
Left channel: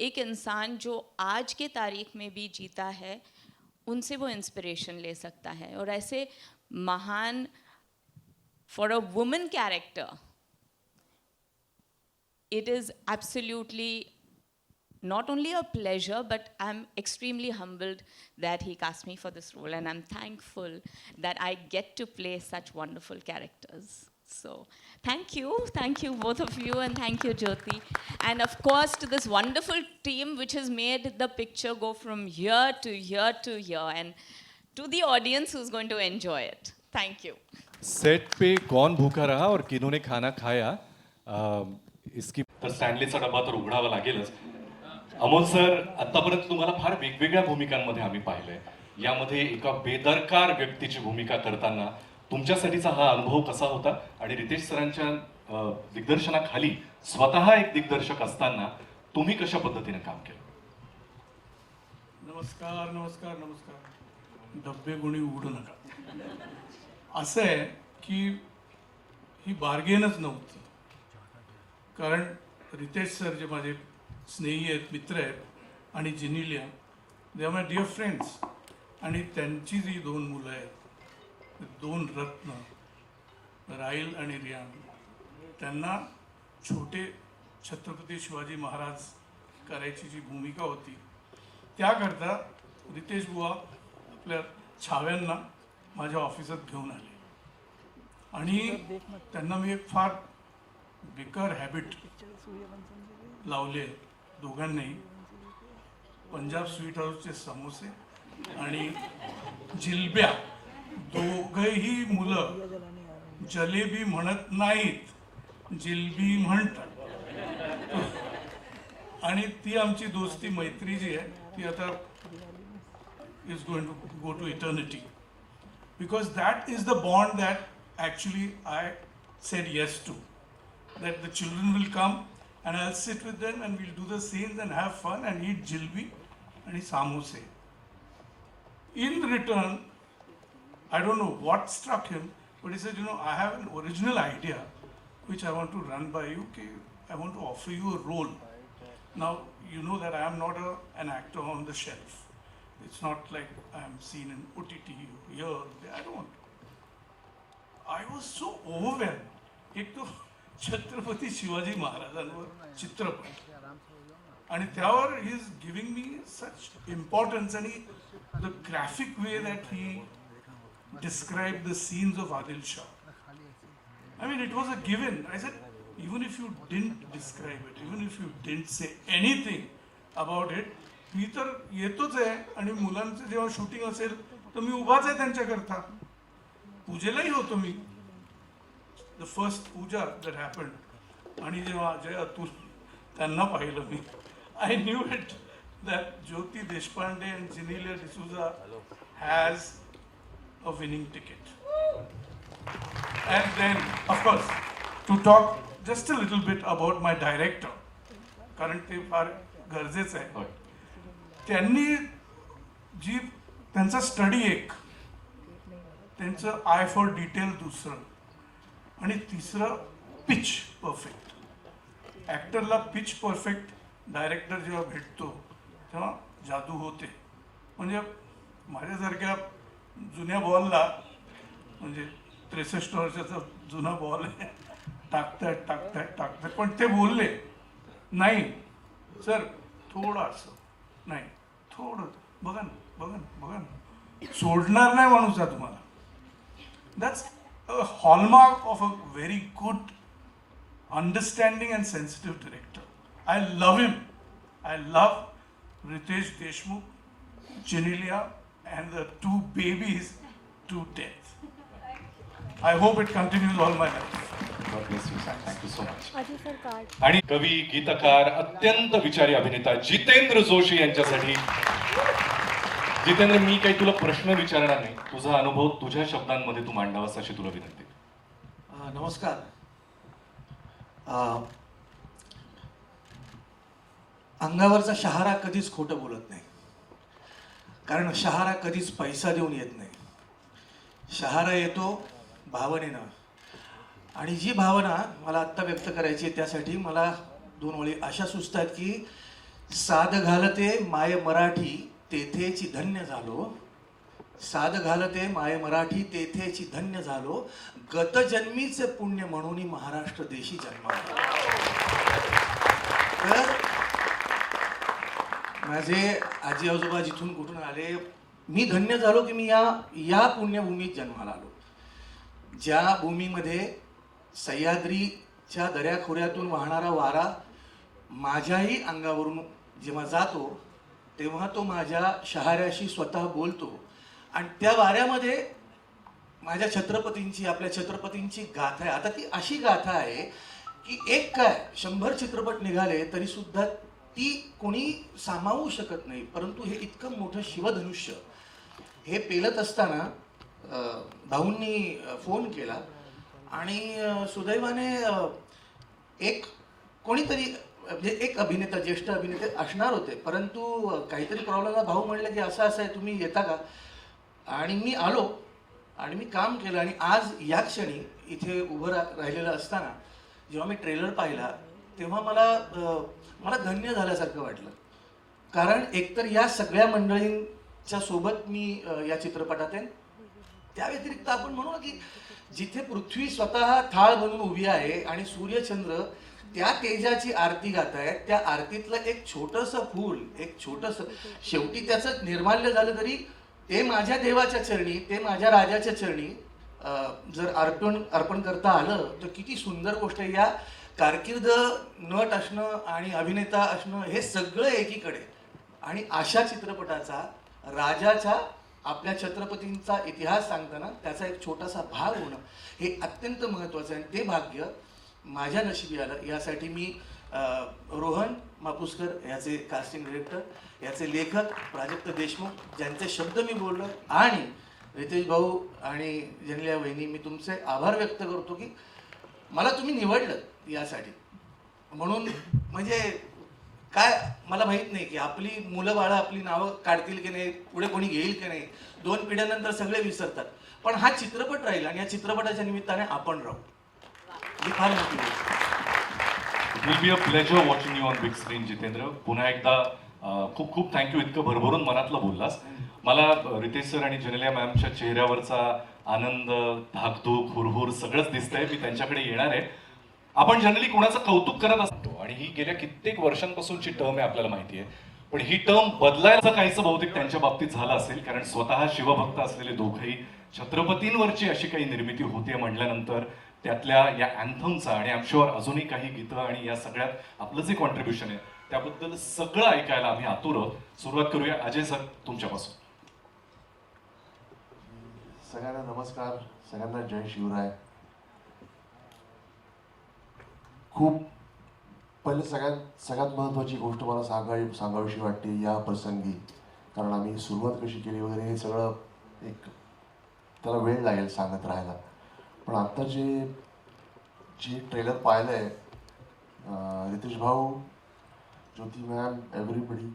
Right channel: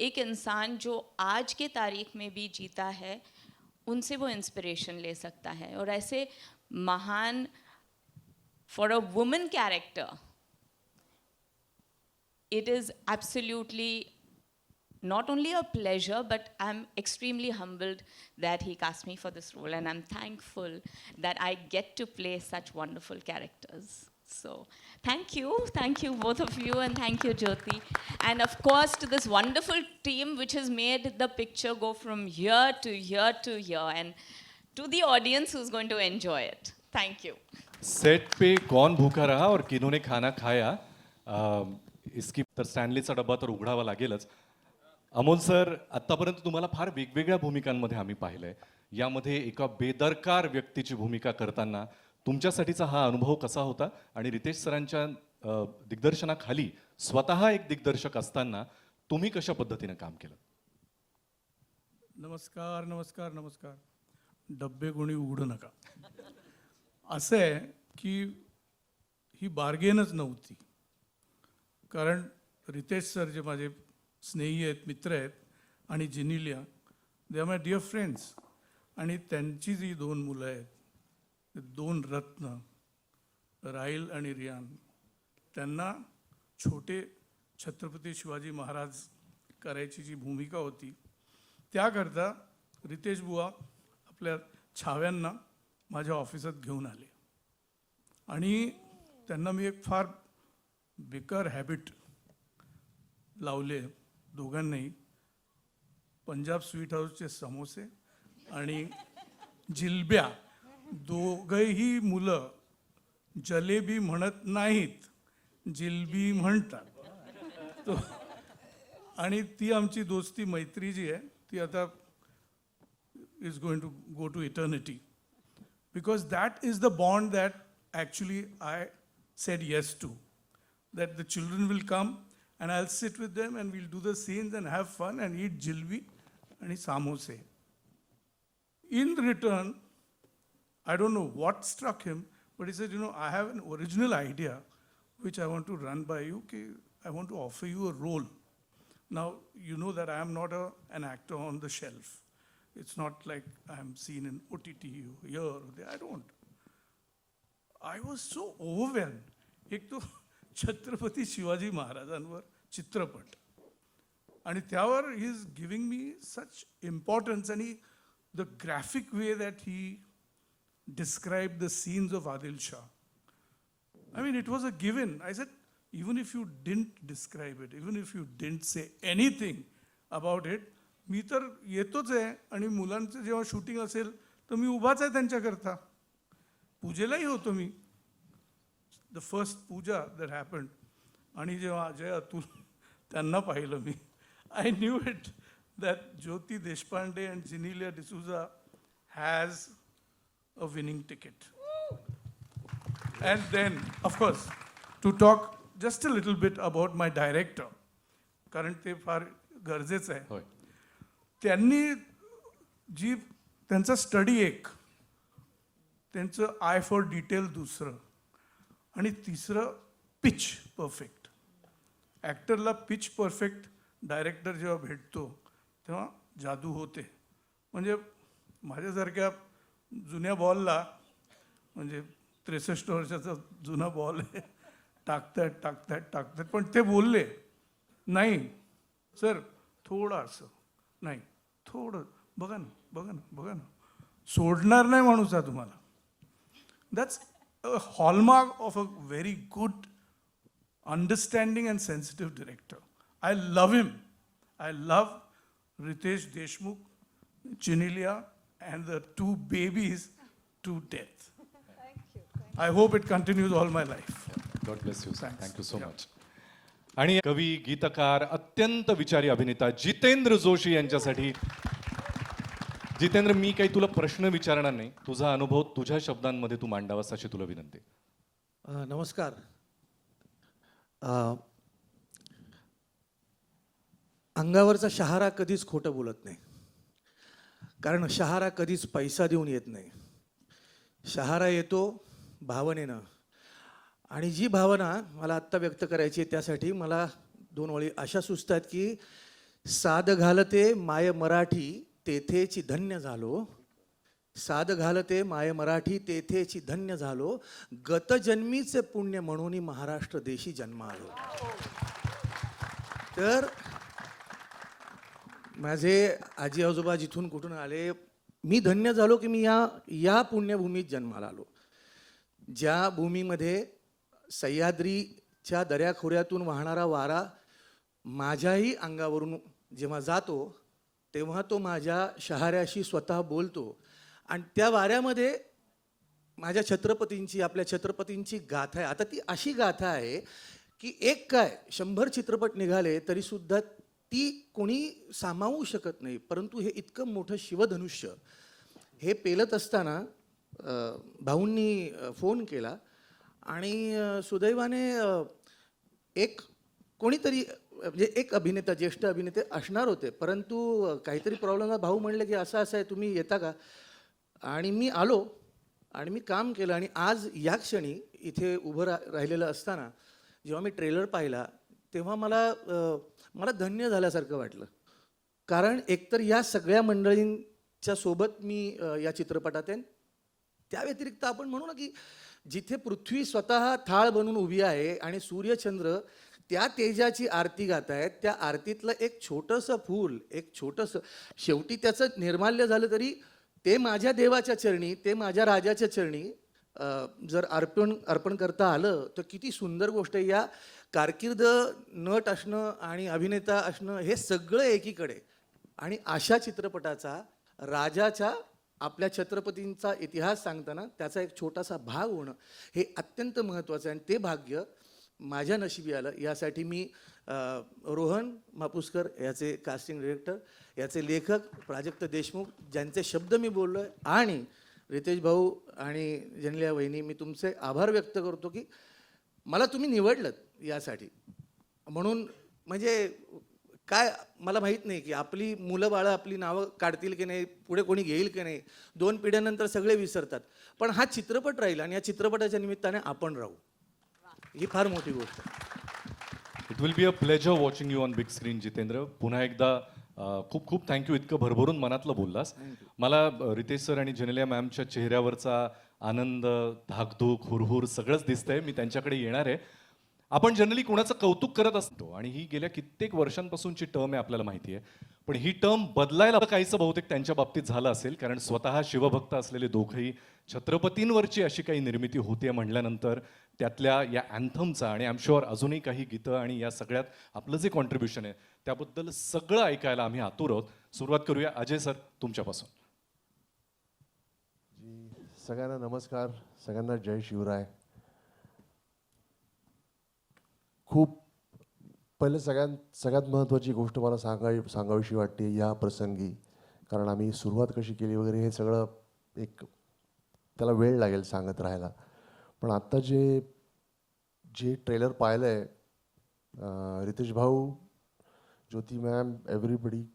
एक इंसान जो आज के तारीख में भी जीता है, उनसे वो इंस्पिरेशन ले सकता है. और ऐसे महान for a woman character, it is absolutely not only a pleasure, but I'm extremely humbled that he cast me for this role, and I'm thankful that I get to play such wonderful characters. So, thank you both of you, and thank you, Jyoti. And of course, to this wonderful team which has made the picture go from here to here to here, and to the audience who's going to enjoy it. Thank you. Set पे कौन भूखा रहा और किन्होंने खाना खाया, इसकी तर स्टँडलीचा डबा तर उघडावा लागेलच. अमोल सर, आतापर्यंत तुम्हाला फार वेगवेगळ्या भूमिकांमध्ये आम्ही पाहिलंय. यामध्ये एका बेदरकार व्यक्तीची भूमिका करताना तुमच्यासाठीचा हा अनुभव कसा होता, आणि रितेश सरांच्या दिग्दर्शनाखाली स्वतः एक दिग्दर्शक असताना तुम्ही कशा पद्धतीने काम केलं? नमस्कार नमस्कार नमस्कार. डब्बे कोणी उघडू नका. असं आहे की ही बार्गेनच नव्हती, कारण रितेश सर जे माझे स्नेही आहेत, मित्र आहेत, आणि Genelia, they are my dear friends. आणि त्यांची जी 2 मुलं आहेत, 2 रत्न, राहील आणि रियान, त्यांना छोटे छत्रपती शिवाजी महाराज करायची जी भूमिका होती, त्याकरता रितेश बुवा आपल्या छाव्यांना माझ्या ऑफिसात घेऊन आले. आणि त्यांना मी एक फार बेकार हॅबिट लावले दोघांनाही. पंजाब स्वीट हाऊसचे समोसे आणि जिलब्या, दोघंही मुलं जलेबी म्हणत नाहीत, जिलबी म्हणतात. आणि ती आमची दोस्ती, मैत्री जी आहे ती आता is going to go to eternity, because that is the bond that actually I said yes to. That the children will come and I'll sit with them and we'll do the scenes and have fun and eat jilbi and samosa. In return, I don't know what struck him, but he said, you know, I have an original idea which I want to run by you. I want to offer you a role. Now, you know that I am not an actor on the shelf. It's not like I am seen in OTT here or there. I don't. I was so overwhelmed. एक तो छत्रपती शिवाजी महाराजांवर चित्रपट, आणि त्यावर he is giving me such importance. आणि the graphic way that he describe the scenes of Adil Shah, I mean, it was a given. I said, even if you didn't describe it, even if you didn't say anything about it, मी तर येतोच आहे. आणि मुलांचं जेव्हा shooting असेल तर मी उभाच आहे त्यांच्याकरता. पूजेलाही होतो मी. The first puja that happened, आणि जेव्हा अजय अतुल त्यांना पाहिलं मी, I knew it that Jyoti Deshpande and Jinelia D'Souza has a winning ticket. And then, of course, to talk just a little bit about my director, कारण ते फार गरजेचं आहे. त्यांनी जी त्यांचा स्टडी एक, त्यांचं आय फॉर डिटेल दुसरं, आणि तिसरं पिच परफेक्ट. ॲक्टरला पिच परफेक्ट डायरेक्टर जेव्हा भेटतो तेव्हा जादू होते. म्हणजे माझ्यासारख्या जुन्या बॉलला, म्हणजे 63 वर्षाचा जुना बॉल आहे, टाकताय, पण ते बोलले नाही सर थोडंसं, नाही थोडं बघा सोडणार नाही माणूस तुम्हाला. That's a hallmark of a very good, understanding and sensitive director. I love him. I love Ritesh Deshmukh, Jinelia, and the 2 babies to death. I hope it continues all my life. आणि कवी, गीतकार, अत्यंत विचारी अभिनेता जितेंद्र जोशी यांच्यासाठी. जितेंद्र, मी काही तुला प्रश्न विचारणार नाही, तुझा अनुभव तुझ्या शब्दांमध्ये तू मांडावास अशी तुला विनंती. नमस्कार. अंगावरचा शहारा कधीच खोटं बोलत नाही, कारण शहारा कधीच पैसा देऊन येत नाही. शहारा येतो भावनेनं, आणि जी भावना मला आत्ता व्यक्त करायची आहे त्यासाठी मला 2 ओळी अशा सुचतात की, साध घालते माय मराठी तेथेची धन्य झालो, साध घालते माय मराठी तेथेची धन्य झालो, गत जन्मीचे पुण्य म्हणून महाराष्ट्र देशी जन्मावलो. तर माझे आजी आजोबा जिथून कुठून आले, मी धन्य झालो की मी या पुण्यभूमीत जन्माला आलो, ज्या भूमीमध्ये सह्याद्रीच्या दऱ्याखोऱ्यातून वाहणारा वारा माझ्याही अंगावरून जेव्हा जातो तेव्हा तो माझ्या शहाऱ्याशी स्वतः बोलतो आणि त्या वाऱ्यामध्ये माझ्या छत्रपतींची आपल्या छत्रपतींची गाथा आहे. आता ती अशी गाथा आहे की एक काय 100 चित्रपट निघाले तरी सुद्धा ती कोणी सामावू शकत नाही. परंतु हे इतकं मोठं शिवधनुष्य हे पेलत असताना भाऊंनी फोन केला आणि सुदैवाने एक कोणीतरी म्हणजे एक अभिनेता ज्येष्ठ अभिनेते असणार होते, परंतु काहीतरी प्रॉब्लेम भाऊ म्हणले की असं असं आहे तुम्ही येता का. आणि मी आलो आणि मी काम केलं आणि आज या क्षणी इथे उभं राहिलेलं असताना जेव्हा मी ट्रेलर पाहिला तेव्हा मला धन्य झाल्यासारखं वाटलं. कारण एकतर या सगळ्या मंडळींच्या सोबत मी या चित्रपटात आहे. त्या व्यतिरिक्त आपण म्हणू की जिथे पृथ्वी स्वतः थाळ धरून उभी आहे आणि सूर्यचंद्र त्या तेजाची आरती गात आहे, त्या आरतीतलं एक छोटंसं फूल, एक छोटंसं शेवटी त्याचं निर्माल्य झालं तरी ते माझ्या देवाच्या चरणी, ते माझ्या राजाच्या चरणी जर अर्पण करता आलं तर किती सुंदर गोष्ट आहे. या कारकीर्द नट असणं आणि अभिनेता असणं हे सगळं एकीकडे आणि अशा चित्रपटाचा राजाचा आपल्या छत्रपतींचा इतिहास सांगताना त्याचा एक छोटासा भाग होणं हे अत्यंत महत्त्वाचं आहे. ते भाग्य माझ्या नशिबी आलं. यासाठी मी रोहन मापुसकर याचे कास्टिंग डिरेक्टर, याचे लेखक प्राजक्त देशमुख ज्यांचे शब्द मी बोललो आणि रितेश भाऊ आणि जयल्या वहिनी मी तुमचे आभार व्यक्त करतो की मला तुम्ही निवडलं यासाठी. म्हणून म्हणजे काय मला माहित नाही की आपली मुलं बाळं आपली नावं काढतील की नाही, पुढे कोणी घेईल की नाही, 2 पिढ्यानंतर सगळे विसरतात, पण हा चित्रपट राहील आणि या चित्रपटाच्या निमित्ताने आपण राहू. ही फार मोठी गोष्ट. It will be a pleasure watching you on big screen, Jitendra. पुन्हा एकदा खूप खूप थँक्यू, इतकं भरभरून मनातलं बोललास. मला रितेश सर आणि जयल्या मॅमच्या चेहऱ्यावरचा आनंद, धाकधूक, हुरहुर सगळंच दिसतंय. मी त्यांच्याकडे येणार आहे. आपण जनरली कोणाचं कौतुक करत असतो आणि ही गेल्या कित्येक वर्षांपासूनची टर्म आहे आपल्याला माहिती आहे, पण ही टर्म बदलायचं काहीसं बहुतेक त्यांच्या बाबतीत झालं असेल, कारण स्वतः शिवभक्त असलेले दोघेही छत्रपतींवरची अशी काही निर्मिती होते म्हटल्यानंतर त्यातल्या या अँथमचा आणि आमच्यावर अजूनही काही गीतं आणि या सगळ्या आपलं जे कॉन्ट्रीब्युशन आहे त्याबद्दल सगळं ऐकायला आम्ही आतुर आहोत. सुरुवात करूया अजय सर तुमच्यापासून. सगळ्यांना नमस्कार, सगळ्यांना जय शिवराय. खूप पहिले सगळ्यात महत्त्वाची गोष्ट मला सांगावीशी वाटते या प्रसंगी, कारण आम्ही सुरुवात कशी केली वगैरे हे सगळं एक त्याला वेळ लागेल सांगत राहायला. पण आता जे ट्रेलर पाहिलं आहे, रितेश भाऊ, ज्योती मॅम, एव्हरीबडी,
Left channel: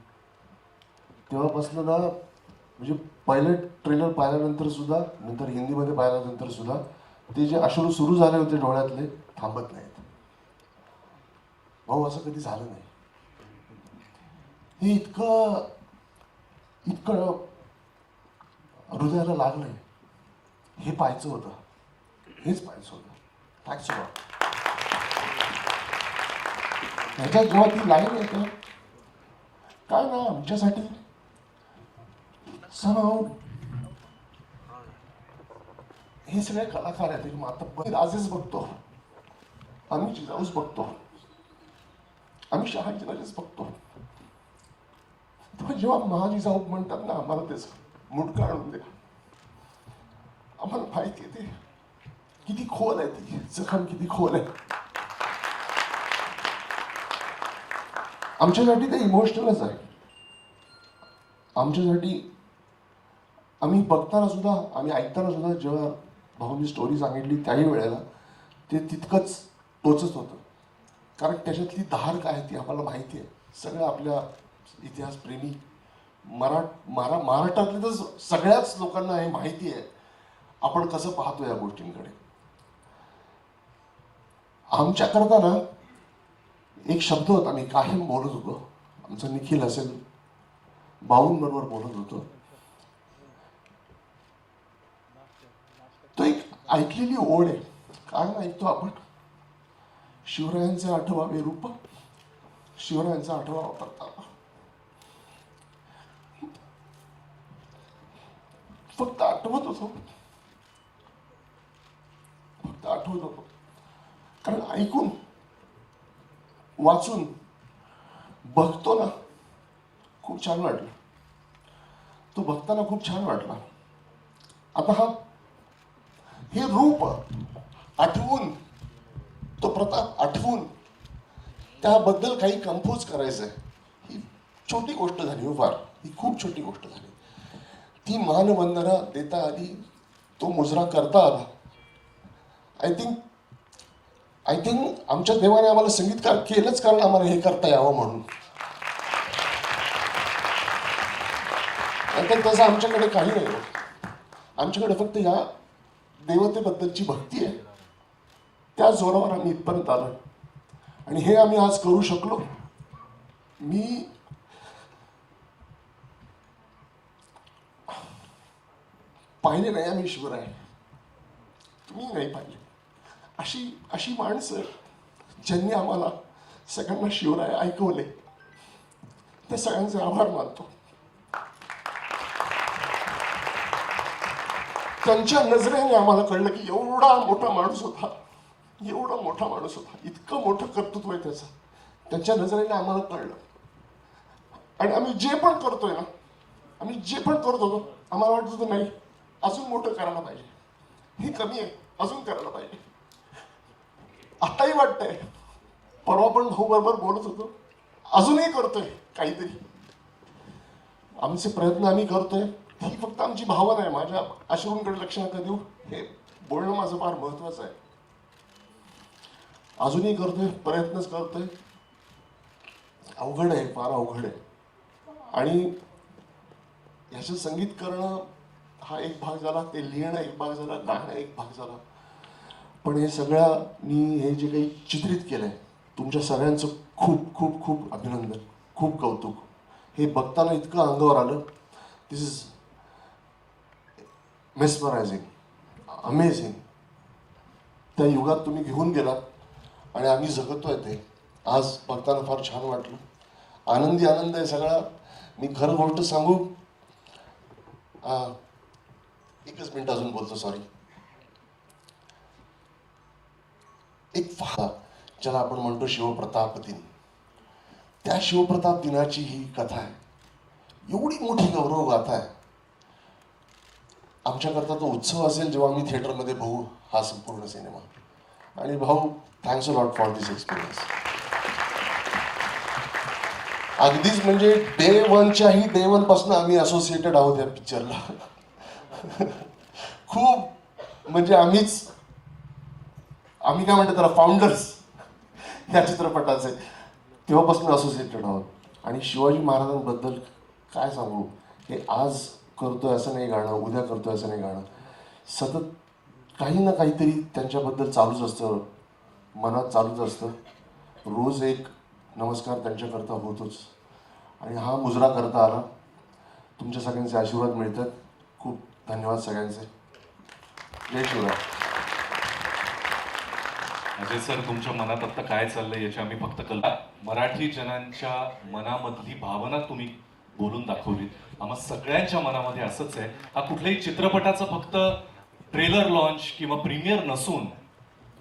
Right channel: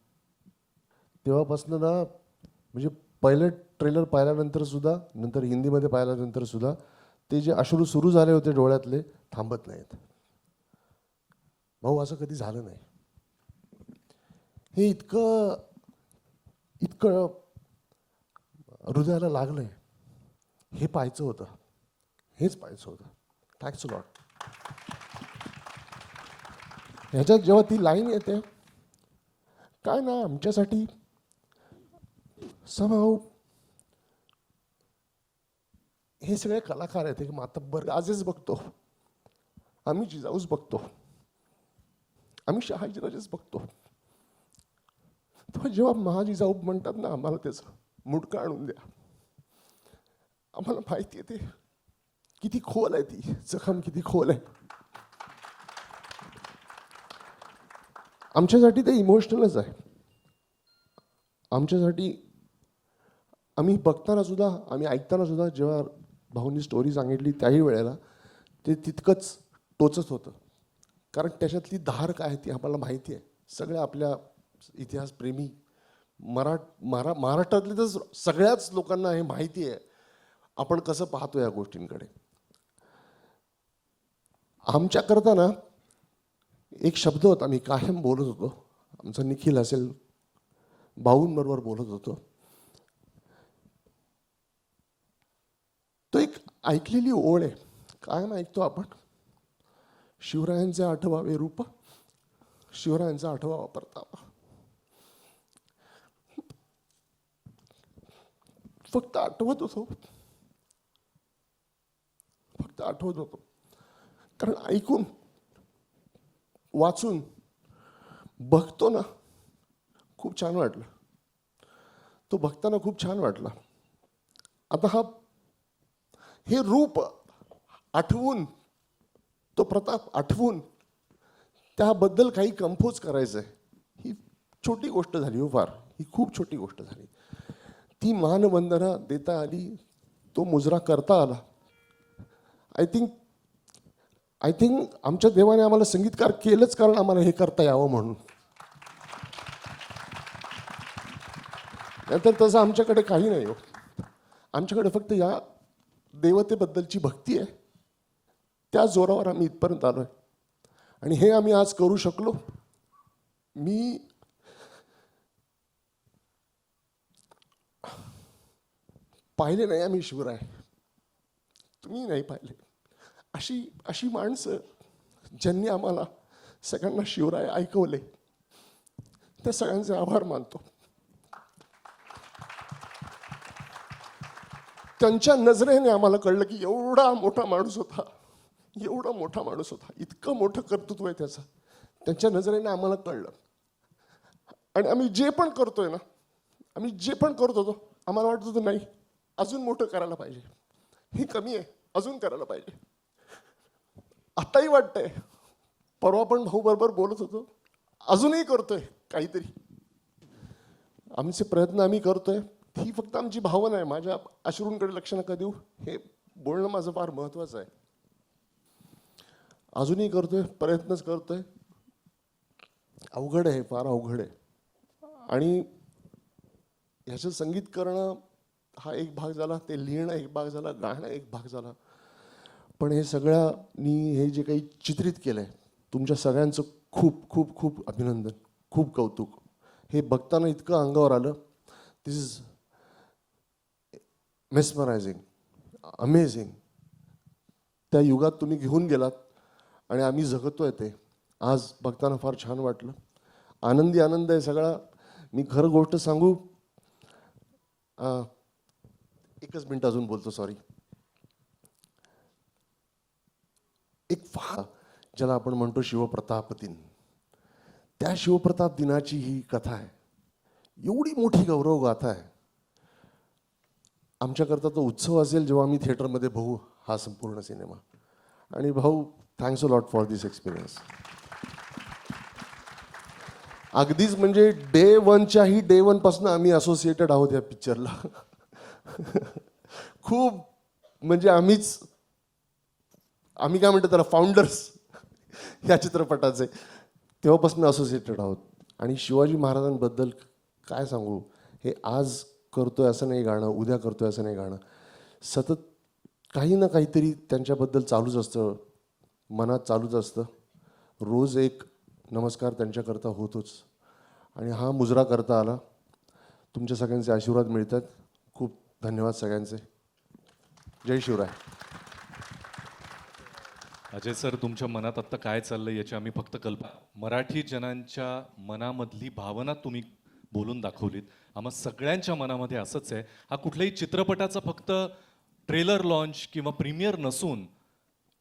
तेव्हापासून ना म्हणजे पहिले ट्रेलर पाहिल्यानंतर सुद्धा, नंतर हिंदीमध्ये पाहिल्यानंतर सुद्धा ते जे अश्रू सुरू झाले होते डोळ्यातले थांबत नाहीत. भाऊ असं कधी झालं नाही. हे इतकं हृदयाला लागलंय. हे पाहायचं होतं, हेच पाहायचं होतं. Thanks lot. ह्याच्यात जेव्हा ती लाईन येते काय ना आमच्यासाठी हे सगळे कलाकार आहेत, मात्र आजच बघतो आम्ही जिजाऊच बघतो, आम्ही शहाजीलाच बघतो. पण जेव्हा महाजी जाऊ म्हणतात ना आम्हाला तेच मूड काढून दे, आम्हाला माहिती आहे किती खोल आहे, ती जखम किती खोल आहे. आमच्यासाठी ते इमोशनलच आहे. आमच्यासाठी आम्ही बघताना सुद्धा, आम्ही ऐकताना सुद्धा जेव्हा भाऊनी स्टोरी सांगितली त्याही वेळेला ते तितकंच टोचत होतं, कारण त्याच्यातली धार काय ती आम्हाला माहिती आहे. सगळ्या आपल्या इतिहासप्रेमी महाराष्ट्रातल्या सगळ्याच लोकांना हे माहिती आहे आपण कसं पाहतो या गोष्टींकडे. आमच्याकरता ना एक शब्द होता, मी कायम बोलत होतो, आमचा निखिल असेल भाऊंबरोबर बोलत होतो, तो एक ऐकलेली ओढ आहे. काय ऐकतो आपण, शिवरायांचा 8वा रूप, शिवरायांचा 8वा प्रताप. फक्त आठवत होतो, कारण ऐकून वाचून बघतो ना खूप छान वाटलं. तो बघताना खूप छान वाटला. आता हे रूप आठवून, तो प्रताप आठवून त्याबद्दल काही कंपोज करायचं आहे. ही छोटी गोष्ट झाली हो फार, ही खूप छोटी गोष्ट झाली. ती मानवंदना देता आली, तो मुजरा करता आला. आय थिंक आमच्या देवाने आम्हाला संगीतकार केलंच कारण आम्हाला हे करता यावं म्हणून. तसं आमच्याकडे काही नाही. आमच्याकडे फक्त या देवतेबद्दलची भक्ती आहे. त्या जोरावर आम्ही इथपर्यंत आलो आणि हे आम्ही आज करू शकलो. मी पाहिले नाही आम्ही शिवराय, तुम्ही नाही पाहिले. अशी माणसं ज्यांनी आम्हाला सगळ्यांना शिवराय ऐकवले, त्या सगळ्यांचे आभार मानतो. त्यांच्या नजरेने आम्हाला कळलं की एवढा मोठा माणूस होता, एवढा मोठा माणूस होता, इतकं मोठं कर्तृत्व आहे त्याचं. त्यांच्या नजरेने आम्हाला कळलं. आणि आम्ही जे पण करतोय ना, आम्ही जे पण करतो आम्हाला वाटतं नाही अजून मोठं करायला पाहिजे, हे कमी आहे अजून करायला पाहिजे. आताही वाटतंय, परवा पण भाऊ बरोबर बोलत होतो, अजूनही करतोय काहीतरी. आमचे प्रयत्न आम्ही करतोय, ही फक्त आमची भावना आहे. माझ्या अश्रूंकडे लक्ष नका देऊ, हे बोलणं माझं फार महत्वाचं आहे. अजूनही करतोय, प्रयत्नच करतोय. अवघड आहे, फार अवघड आहे. आणि याचं संगीत करणं हा एक भाग झाला, ते लिहिणं एक भाग झाला, गाणं एक भाग झाला. पण हे सगळ्या मी हे जे काही चित्रित केलंय, तुमच्या सगळ्यांचं खूप खूप खूप अभिनंदन, खूप कौतुक. हे बघताना इतकं अंगावर आलं. दिस इज मेस्मरायझिंग, अमेझिंग. त्या युगात तुम्ही घेऊन गेला आणि आम्ही जगतोय ते. आज बघताना फार छान वाटलं. आनंदी आनंद आहे सगळा. मी खरं गोष्ट सांगू, एकच मिनिट अजून बोलतो, सॉरी. एक फार ज्याला आपण म्हणतो शिवप्रताप दिन, त्या शिवप्रताप दिनाची ही कथा आहे. एवढी मोठी गौरव गाथा आहे. आमच्याकरता तो उत्सव असेल जेव्हा आम्ही थिएटरमध्ये बघू हा संपूर्ण सिनेमा. आणि भाऊ, thanks a lot for this experience. अगदीच म्हणजे डे वन पासून आम्ही असोसिएटेड आहोत या पिक्चरला. खूप म्हणजे आम्ही काय म्हणतो त्याला, फाउंडर्स या चित्रपटाचे, तेव्हापासून असोसिएटेड आहोत. आणि शिवाजी महाराजांबद्दल काय सांगू, हे आज करतोय असं नाही गाणं, उद्या करतोय असं नाही गाणं. सतत काही ना काहीतरी त्यांच्याबद्दल चालूच असतं, मनात चालूच असतं. रोज एक नमस्कार त्यांच्याकरता होतोच. आणि हा गुजरा करता आला. तुमच्या सगळ्यांचे आशीर्वाद मिळतात. खूप धन्यवाद सगळ्यांचे. जय शिवराय. अजय सर, तुमच्या मनात आता काय चाललंय याची आम्ही फक्त कल्पना, मराठी जनांच्या मनामधली भावना तुम्ही बोलून दाखवली. आम्हा सगळ्यांच्या मनामध्ये असंच आहे. हा कुठल्याही चित्रपटाचा फक्त ट्रेलर लॉन्च किंवा प्रीमियर नसून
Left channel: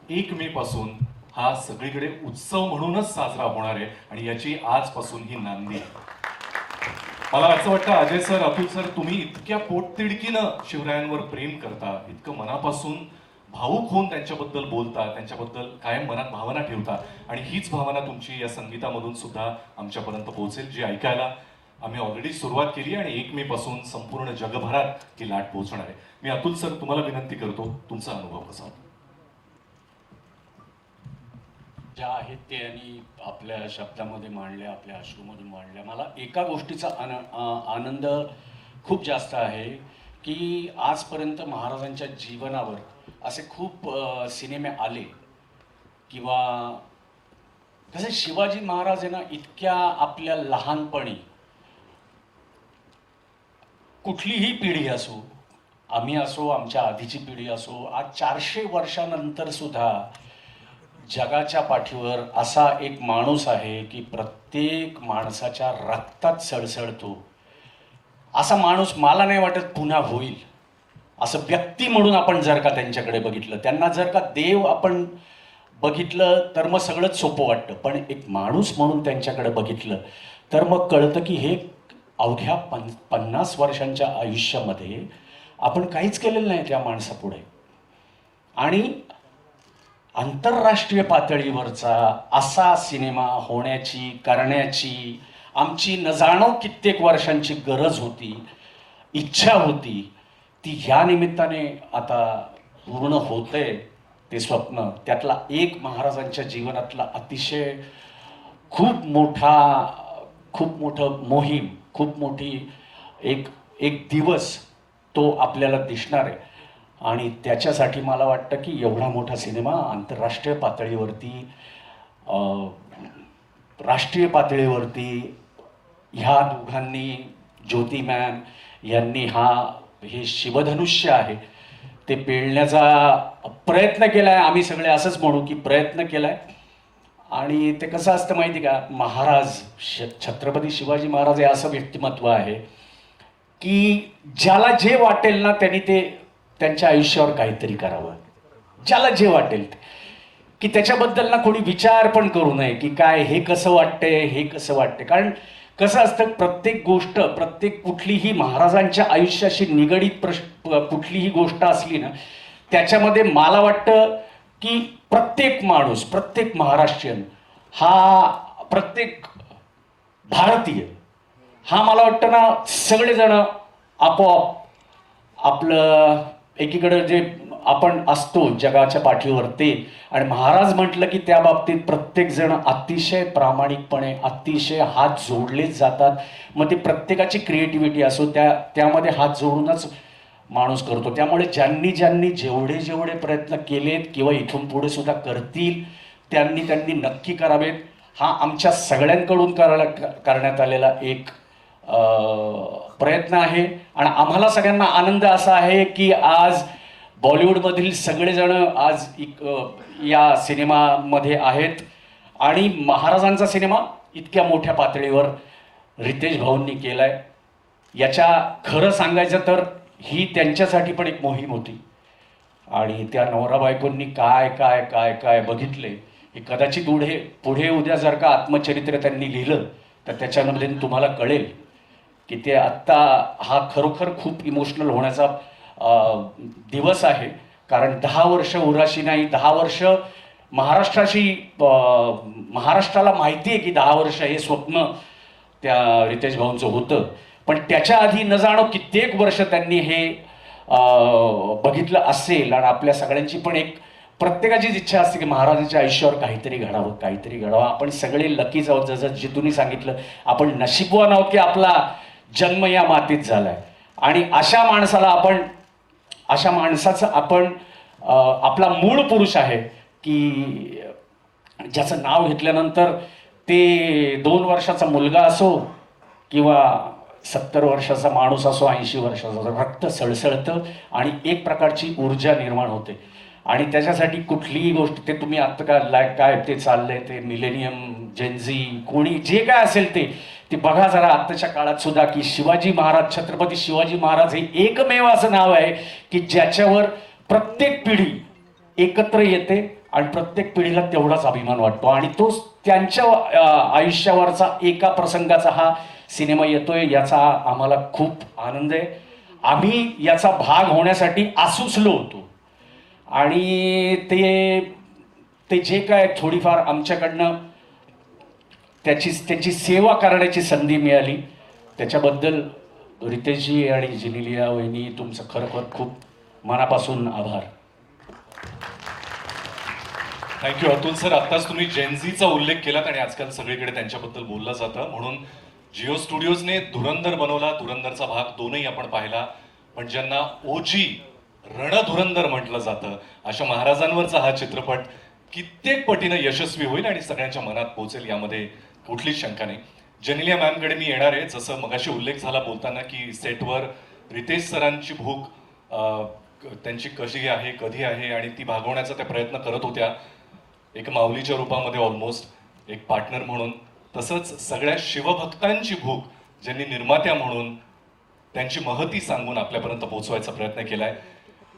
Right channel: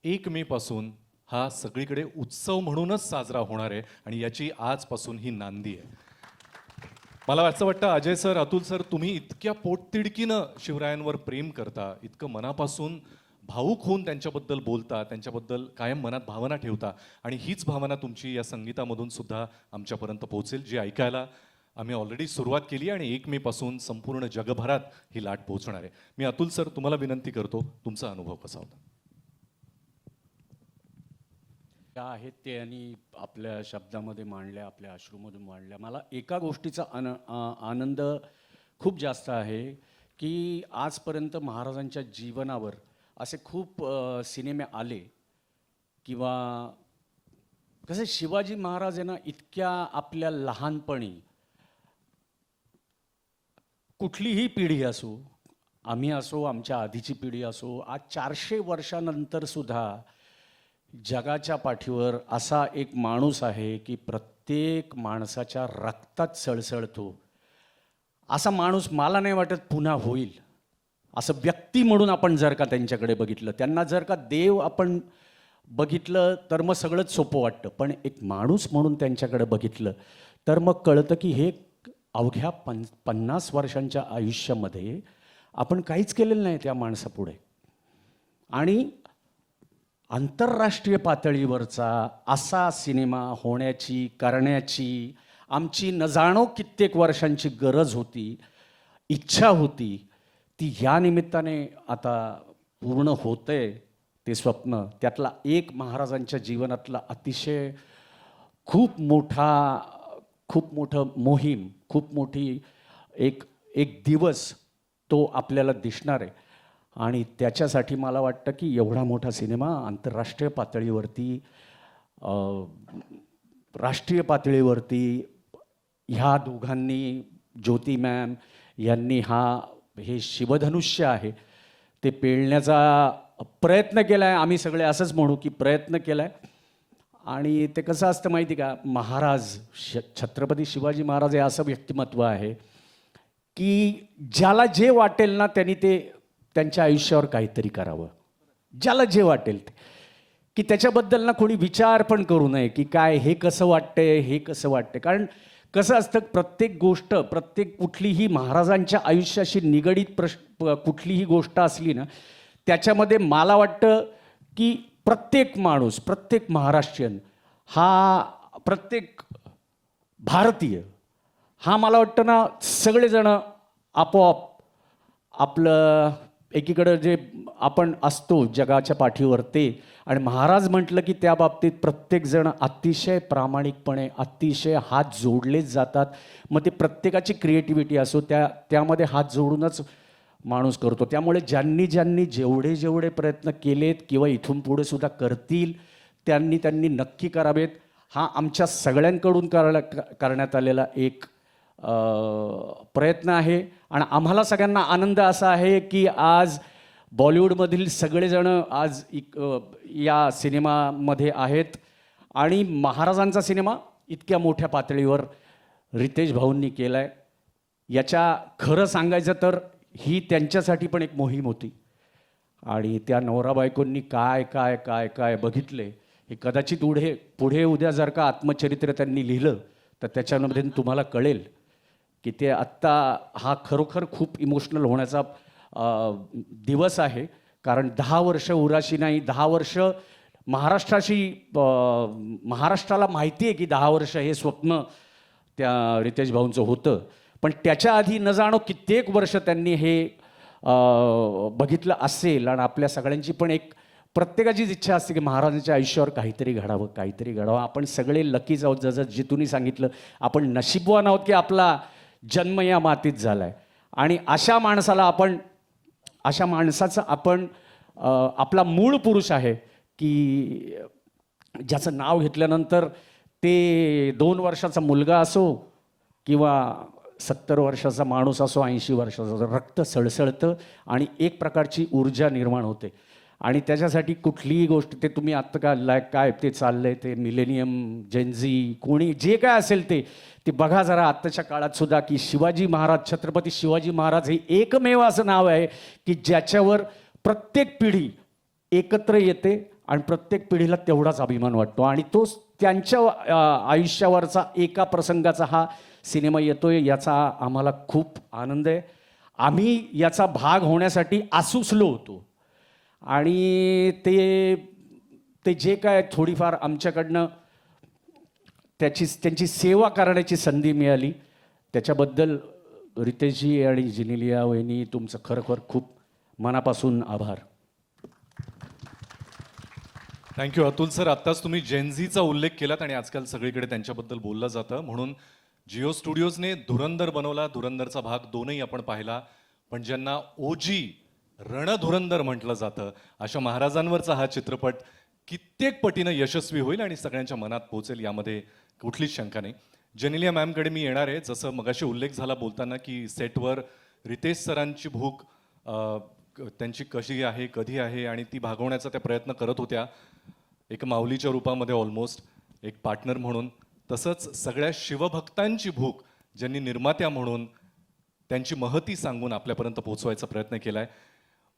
1 मे पासून हा सगळीकडे उत्सव म्हणूनच साजरा होणार आहे आणि याची आजपासून ही नांदी आहे. मला असं वाटतं अजय सर, अतुल सर, तुम्ही इतक्या पोटतिडकीनं शिवरायांवर प्रेम करता, इतकं मनापासून भावूक होऊन त्यांच्याबद्दल बोलता, त्यांच्याबद्दल काय मनात भावना ठेवता. आणि हीच भावना तुमची या संगीतामधून सुद्धा आमच्यापर्यंत पोहोचेल, जी ऐकायला आम्ही ऑलरेडी सुरुवात केली आणि 1 मे पासून संपूर्ण जगभरात ही लाट पोहोचणार आहे. मी अतुल सर तुम्हाला विनंती करतो, तुमचा अनुभव कसा? ज्या आहेत ते यांनी आपल्या शब्दामध्ये मांडल्या, आपल्या अश्रूमध्ये मांडल्या. मला एका गोष्टीचा आनंद खूप जास्त आहे की आजपर्यंत महाराजांच्या जीवनावर असे खूप सिनेमे आले किंवा कसं शिवाजी महाराज यांना इतक्या आपल्या लहानपणी, कुठलीही पिढी असो, आम्ही असो, आमच्या आधीची पिढी असो, आज 400 वर्षानंतर सुद्धा जगाच्या पाठीवर असा एक माणूस आहे की प्रत्येक माणसाच्या रक्तात सळसळतो. असा माणूस मला नाही वाटत पुन्हा होईल. असं व्यक्ती म्हणून आपण जर का त्यांच्याकडे बघितलं, त्यांना जर का देव आपण बघितलं तर मग सगळं सोपं वाटतं, पण एक माणूस म्हणून त्यांच्याकडे बघितलं तर मग कळतं की हे अवघ्या 50 वर्षांच्या आयुष्यामध्ये आपण काहीच केलेलं नाही त्या माणसापुढे. आणि आंतरराष्ट्रीय पातळीवरचा असा सिनेमा होण्याची करण्याची आमची न जाणो कित्येक वर्षांची गरज होती, इच्छा होती, ती या निमित्ताने आता पूर्ण होते. ते स्वप्न त्यातला एक महाराजांच्या जीवनातला अतिशय खूप मोठं मोहीम, खूप मोठी एक दिवस तो आपल्याला दिसणार आहे. आणि त्याच्यासाठी मला वाटतं की एवढा मोठा सिनेमा आंतरराष्ट्रीय पातळीवरती, राष्ट्रीय पातळीवरती ह्या दोघांनी, ज्योती मॅम यांनी हे शिवधनुष्य आहे ते पेलण्याचा प्रयत्न केलाय. आम्ही सगळे असंच म्हणू की प्रयत्न केलाय. आणि ते कसं असतं माहिती का, महाराज छत्रपती शिवाजी महाराज हे असं व्यक्तिमत्व आहे की ज्याला जे वाटेल ना त्यांनी ते त्यांच्या आयुष्यावर काहीतरी करावं. ज्याला जे वाटेल की त्याच्याबद्दल ना कोणी विचार पण करू नये की काय हे कसं वाटतंय, हे कसं वाटतंय. कारण कसं असतं, प्रत्येक गोष्ट, कुठलीही महाराजांच्या आयुष्याशी निगडीत कुठलीही गोष्ट असली ना, त्याच्यामध्ये मला वाटतं की प्रत्येक माणूस, प्रत्येक महाराष्ट्रीयन, प्रत्येक भारतीय मला वाटतं ना, सगळेजण आपोआप आपलं एकीकडे जे आपण असतो जगाच्या पाठीवर ते, आणि महाराज म्हटलं की त्या बाबतीत प्रत्येक जण अतिशय प्रामाणिकपणे, अतिशय हात जोडले जातात. मग ती प्रत्येकाची क्रिएटिव्हिटी असो त्यामध्ये हात जोडूनच माणूस करतो. त्यामुळे ज्यांनी जेवढे प्रयत्न केलेत किंवा इथून पुढे सुद्धा करतील त्यांनी नक्की करावेत. हा आमच्या सगळ्यांकडून करण्यात आलेला एक प्रयत्न आहे. आणि आम्हाला सगळ्यांना आनंद असा आहे की आज बॉलिवूडमधील सगळेजण आज या सिनेमामध्ये आहेत. आणि महाराजांचा सिनेमा इतक्या मोठ्या पातळीवर रितेश भाऊंनी केलाय. याच्या खरं सांगायचं तर ही त्यांच्यासाठी पण एक मोहीम होती. आणि त्या नवरा बायकोंनी काय काय काय काय बघितले, कदाचित पुढे उद्या जर का आत्मचरित्र त्यांनी लिहिलं तर त्याच्यामध्ये तुम्हाला कळेल की ते आत्ता हा खरोखर खूप इमोशनल होण्याचा दिवस आहे. कारण 10 वर्ष उराशी नाही, 10 वर्ष महाराष्ट्राला माहिती आहे की 10 वर्ष हे स्वप्न त्या रितेश भाऊंचं होतं. पण त्याच्या आधी न जाणो कित्येक वर्ष त्यांनी हे बघितलं असेल. आणि आपल्या सगळ्यांची पण प्रत्येकाचीच इच्छा असते की महाराजांच्या आयुष्यावर काहीतरी घडावं. आपण सगळे लकी आहोत, जसं जितूंनी सांगितलं, आपण नशीबवान आहोत की आपला जन्म या मातीत झालाय. आणि अशा माणसाचं आपण आपला मूळ पुरुष आहे की ज्याचं नाव घेतल्यानंतर ते 2 वर्षाचा मुलगा असो किंवा 70 वर्षाचा माणूस असो, 80 वर्षाचा, रक्त सळसळतं आणि एक प्रकारची ऊर्जा निर्माण होते. आणि त्याच्यासाठी कुठलीही गोष्ट, ते तुम्ही आता काय ते चाललंय, ते मिलेनियम, जेनझी, कोणी जे काय असेल ते बघा जरा आताच्या काळात सुद्धा की शिवाजी महाराज, छत्रपती शिवाजी महाराज हे एकमेव असं नाव आहे की ज्याच्यावर प्रत्येक पिढी एकत्र येते आणि प्रत्येक पिढीला तेवढाच अभिमान वाटतो. आणि तो त्यांच्या आयुष्यावरचा एका प्रसंगाचा हा सिनेमा येतोय, याचा आम्हाला खूप आनंद आहे. आम्ही याचा भाग होण्यासाठी आसुसलो होतो. आणि ते जे काय थोडीफार आमच्याकडनं त्याची सेवा करण्याची संधी मिळाली, त्याच्याबद्दल रितेशजी आणि जेनेलिया वहिनी तुमचं खरोखर खूप मनापासून आभार. Thank you Atul sir. आता तुम्ही जेनझीचा उल्लेख केला आणि आजकाल सगळीकडे त्यांच्याबद्दल बोललं जातं, म्हणून जिओ स्टुडिओजने धुरंधर बनवला, धुरंधरचा भाग 2ही आपण पाहिला. पण ज्यांना ओजी रणधुरंधर म्हटलं जातं, अशा महाराजांवरचा हा चित्रपट कित्येक पटीने यशस्वी होईल आणि सगळ्यांच्या मनात पोहोचेल, यामध्ये कुठलीच शंका नाही. जेनिया मॅमकडे मी येणार आहे. जसं मगाशी उल्लेख झाला बोलताना की सेटवर रितेश सरांची भूक त्यांची कशी आहे, कधी आहे, आणि ती भागवण्याचा त्या प्रयत्न करत होत्या, एक माऊलीच्या रूपामध्ये, ऑलमोस्ट एक पार्टनर म्हणून. तसंच सगळ्या शिवभक्तांची भूक ज्यांनी निर्मात्या म्हणून त्यांची महती सांगून आपल्यापर्यंत पोहोचवायचा प्रयत्न केलाय.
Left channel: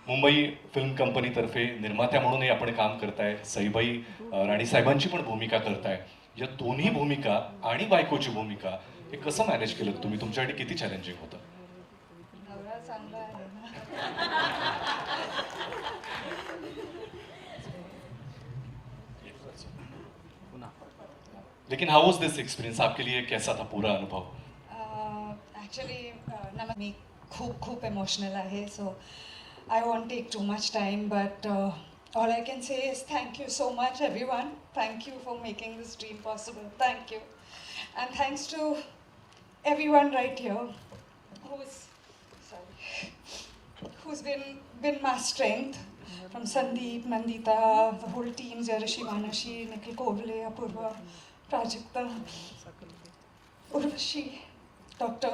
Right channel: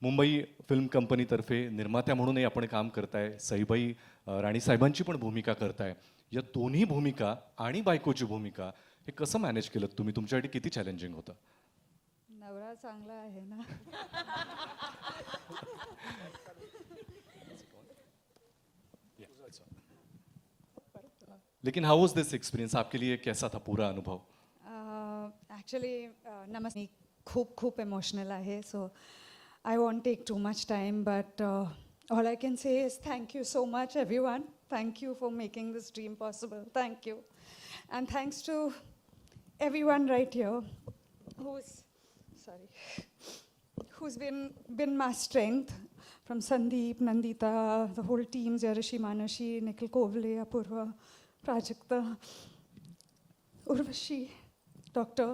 मुंबई फिल्म कंपनीतर्फे निर्मात्या म्हणूनही आपण काम करताय, सईबाई राणी साहेबांची पण भूमिका करताय. या दोन्ही भूमिका आणि बायकोची भूमिका हे कसं मॅनेज केलं तुम्ही? तुमच्यासाठी किती चॅलेंजिंग होतं? लेकिन हाउ वाज दिस एक्सपीरियंस, आपके लिए कैसा था पूरा अनुभव? ॲक्च्युली खूप खूप इमोशनल आहे, so I won't take too much time, but all I can say is thank you so much everyone. Thank you for making this dream possible. Thank you, and thanks to everyone right here who's been my strength, from Sandeep, Nandita, the whole team, Jayashree, Manashi, Nikhil Kovale, Apurva, Prajakta, Urvashi, Dr.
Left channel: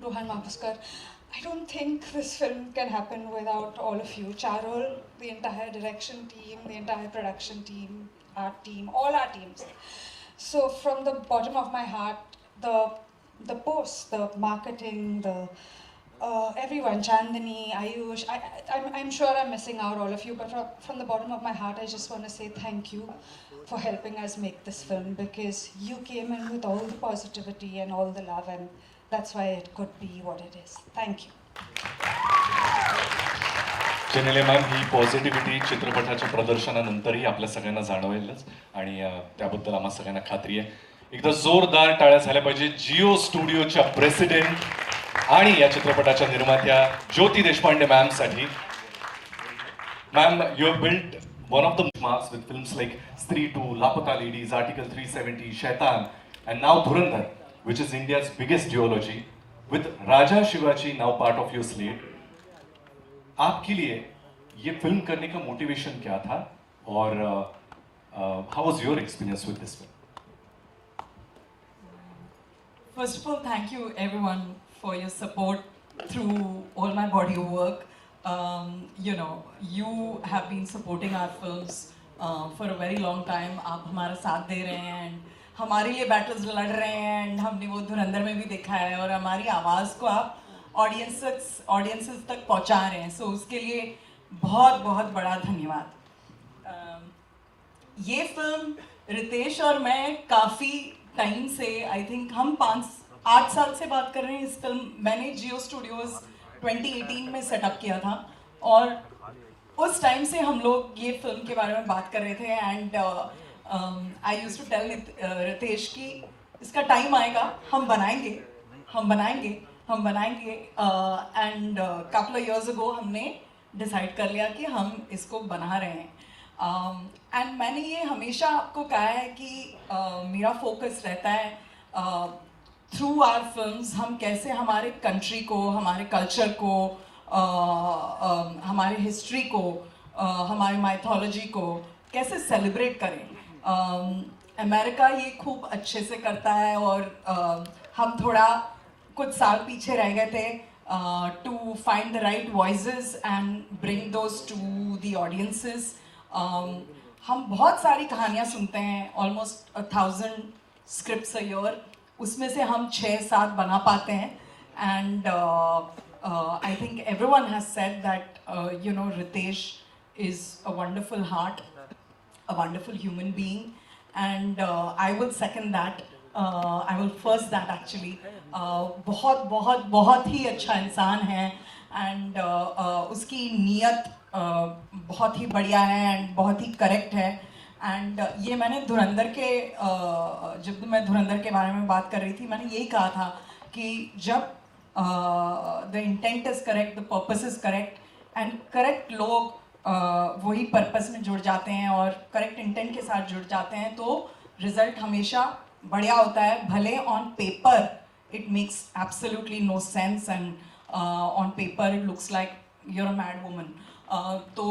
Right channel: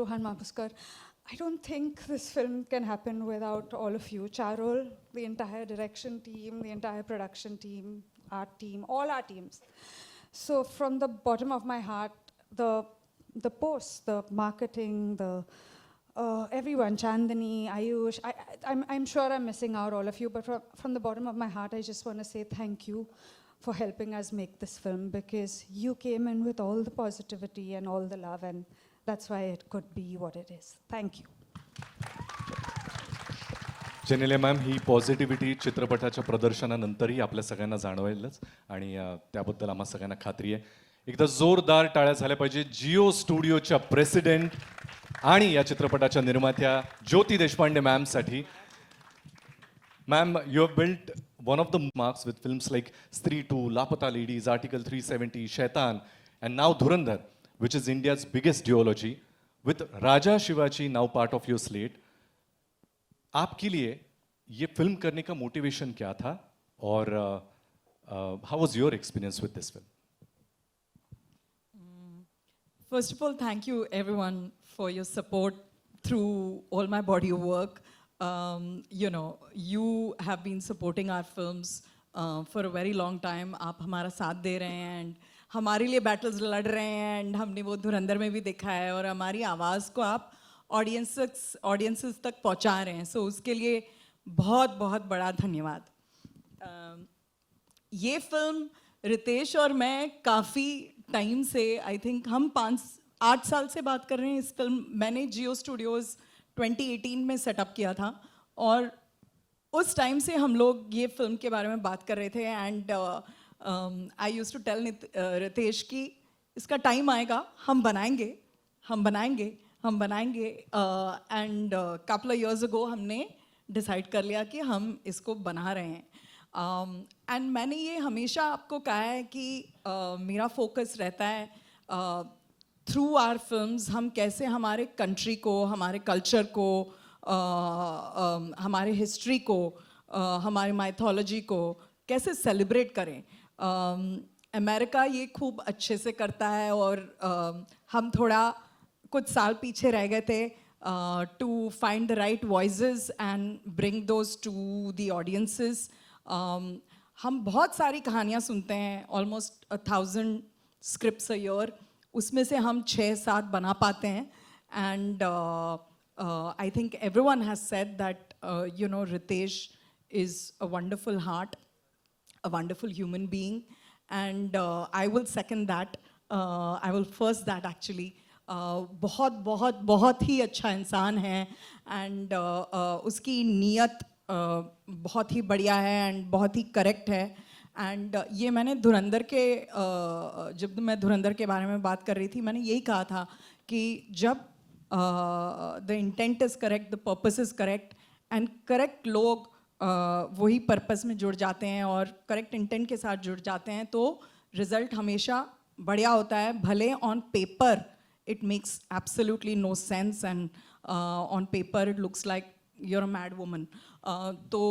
Rohan Oscar. I don't think this film can happen without all of you. Charol, the entire direction team, the entire production team, our team, all our teams. So from the bottom of my heart, the posts, the marketing, the everyone, Chandani, Ayush, I'm sure I'm missing out all of you, but from the bottom of my heart, I just want to say thank you for helping us make this film, because you came in with all the positivity and all the love, and that's why it could be what it is. Thank you. He positivity चित्रपटाच्या प्रदर्शनानंतरही आपल्या सगळ्यांना जाणवेलच, आणि त्याबद्दल आम्हाला सगळ्यांना खात्री आहे. एकदा जोरदार टाळ्या झाल्या पाहिजे जिओ स्टुडिओच्या प्रेसिडेंट आणि या चित्रपटाच्या निर्मात्या ज्योती देशपांडे मॅमसाठी. Ma'am, you have built one of the marks with films like Stree 2, Lapata Ladies, Article 370, Shaitan, and now Dhurandhar, which is India's biggest duology, with Raja Shivaji now part of your slate. आपके लिए ये film करने का motivation क्या था, और how was your experience with this film? First of all, thank you everyone for your support through all my body work. You have been supporting our films for a very long time. आप हमारा साथ दे रहे हैं, हमारे लिए battles लड़ रहे हैं, and हमने वो धुरंधर में भी देखा है, और हमारी आवाज़ को आप ऑडियंसेस तक पहुंचा रहे हैं. सो उसके लिए बहुत बहुत बड़ा धन्यवाद. ये फिल्म रितेश और मैं काफ़ी टाइम से, आई थिंक हम 8 साल से बात कर रहे हैं. इस फिल्म मैंने जियो स्टूडियोज़ 2018 में सेटअप किया था, और उस टाइम से हम लोग ये फिल्म के बारे में बात कर रहे थे. And I used to tell Riteish कि इसका टाइम आएगा, हम बनाएंगे. End couple of years ago हमने डिसाइड कर लिया कि हम इसको बना रहे हैं. एंड मैंने ये हमेशा आपको कहा है कि मेरा फोकस रहता है थ्रू आवर फिल्म्स हम कैसे हमारे कंट्री को, हमारे कल्चर को, हमारे हिस्ट्री को, हमारे माइथोलॉजी को कैसे सेलिब्रेट करें. अमेरिका ये खूब अच्छे से करता है, और हम थोड़ा कुछ साल पीछे रह गए थे to find the right voices and bring those to the audiences. हम बहुत सारी कहानियाँ सुनते हैं, ऑलमोस्ट 1000 स्क्रिप्ट्स अ ईयर, उसमें से हम 6-7 बना पाते हैं. And I think everyone has sed that Ritesh is a wonderful heart, a wonderful human being, and I would second that. I will first that actually. बहुत बहुत बहुत ही अच्छा इंसान है, एंड उसकी नीयत बहुत ही बढ़िया है एंड बहुत ही करेक्ट है. एंड ये मैंने धुरंधर के जब मैं धुरंधर के बारे में बात कर रही थी, मैंने यही कहा था कि जब the intent is correct, the purpose is correct, end correct लोग वही पर्पस में जुड़ जाते हैं और करेक्ट इंटेंट के साथ जुड़ जाते हैं, तो रिजल्ट हमेशा बढ़िया होता है. भले on paper it makes absolutely no sense, and on paper it looks like you're a mad woman. तो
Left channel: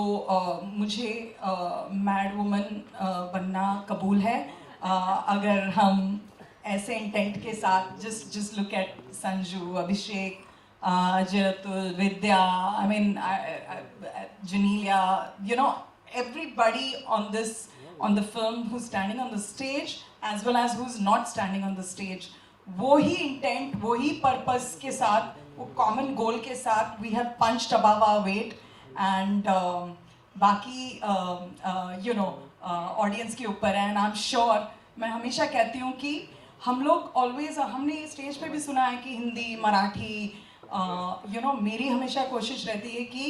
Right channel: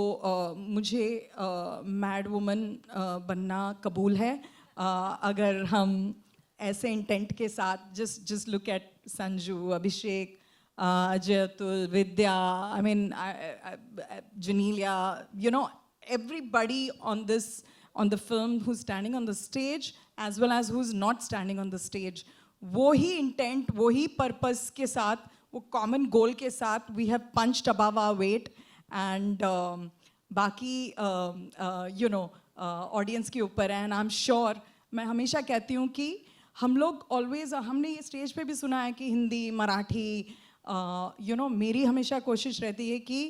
मुझे mad woman बनना कबूल है. अगर हम ऐसे इंटेंट के साथ just look at Sanju, Abhishek, Ajay Atul, Vidya, I mean Janelia, everybody on the film who's standing on the stage as well as who's not standing on the stage, वही intent, वही पर्पस के साथ, वो कॉमन गोल के साथ we have punched above our weight, and बाकी audience के ऊपर है. एंड आई एम श्योर, मैं हमेशा कहती हूँ कि हम लोग ऑलवेज, हमने स्टेज पे भी सुना है कि हिंदी, मराठी, मेरी हमेशा कोशिश रहती है कि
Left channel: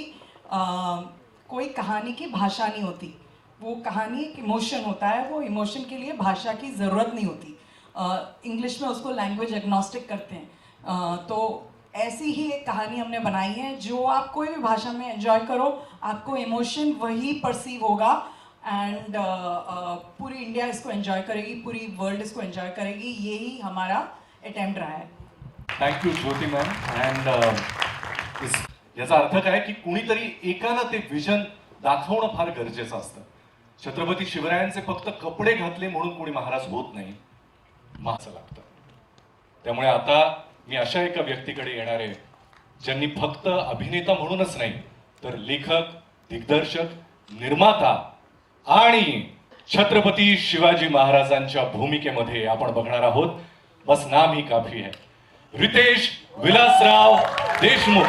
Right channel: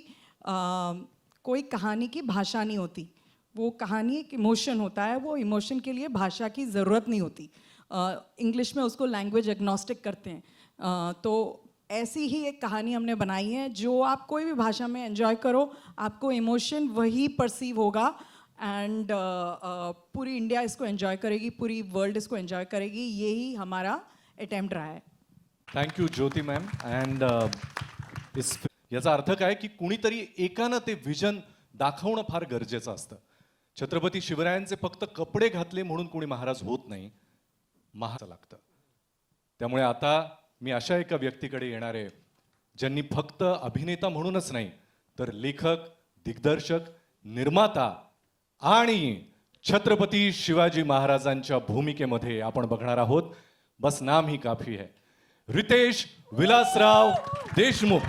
कोई कहानी की भाषा नहीं होती. वो कहानी इमोशन होता है. वो इमोशन के लिए भाषा की ज़रूरत नहीं होती. इंग्लिश में उसको लैंग्वेज एग्नोस्टिक करते हैं. तो ऐसी ही एक कहानी हमने बनाई है जो आप कोई भी भाषा में एंजॉय करो, आपको इमोशन वही परसीव होगा. एंड पूरी इंडिया इसको एंजॉय करेगी, पूरी वर्ल्ड इसको एंजॉय करेगी. यही हमारा अटेम्प्ट रहा है. Thank you Jyoti ma'am. And याचा अर्थ काय की कुणीतरी एकाला ते विजन दाखवणं फार गरजेचं असतं. छत्रपती शिवरायांचे फक्त कपडे घातले म्हणून कोणी महाराज होत नाही, महाराज लागतं. त्यामुळे आता मी अशा एका व्यक्तीकडे येणार आहे ज्यांनी फक्त अभिनेता म्हणूनच नाही तर लेखक, दिग्दर्शक, निर्माता आणि छत्रपती शिवाजी महाराजांच्या भूमिकेमध्ये आपण बघणार आहोत. बस नाम ही काफी आहे. रितेश विलासराव देशमुख.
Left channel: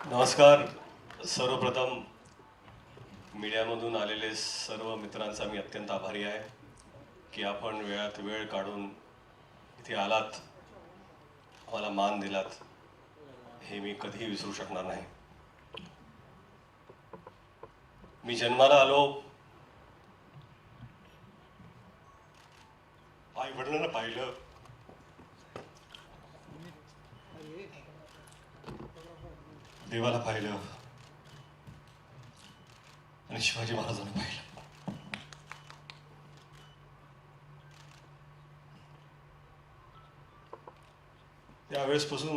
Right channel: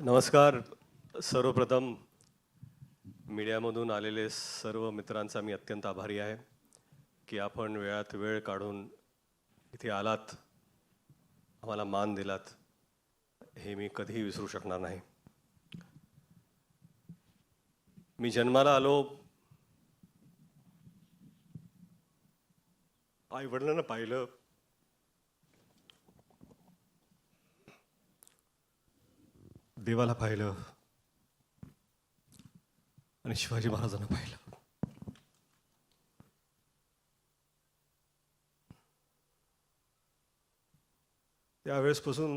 नमस्कार. सर्वप्रथम मीडियामधून आलेले सर्व मित्रांचा मी अत्यंत आभारी आहे की आपण वेळात वेळ काढून इथे आलात, आम्हाला मान दिलात. हे मी कधी विसरू शकणार नाही. मी जन्माला आलो, आई वडिलांना पाहिलं, देवाला पाहिलं आणि शिवाजी महाराजांना पाहिलं. त्यावेळेसपासून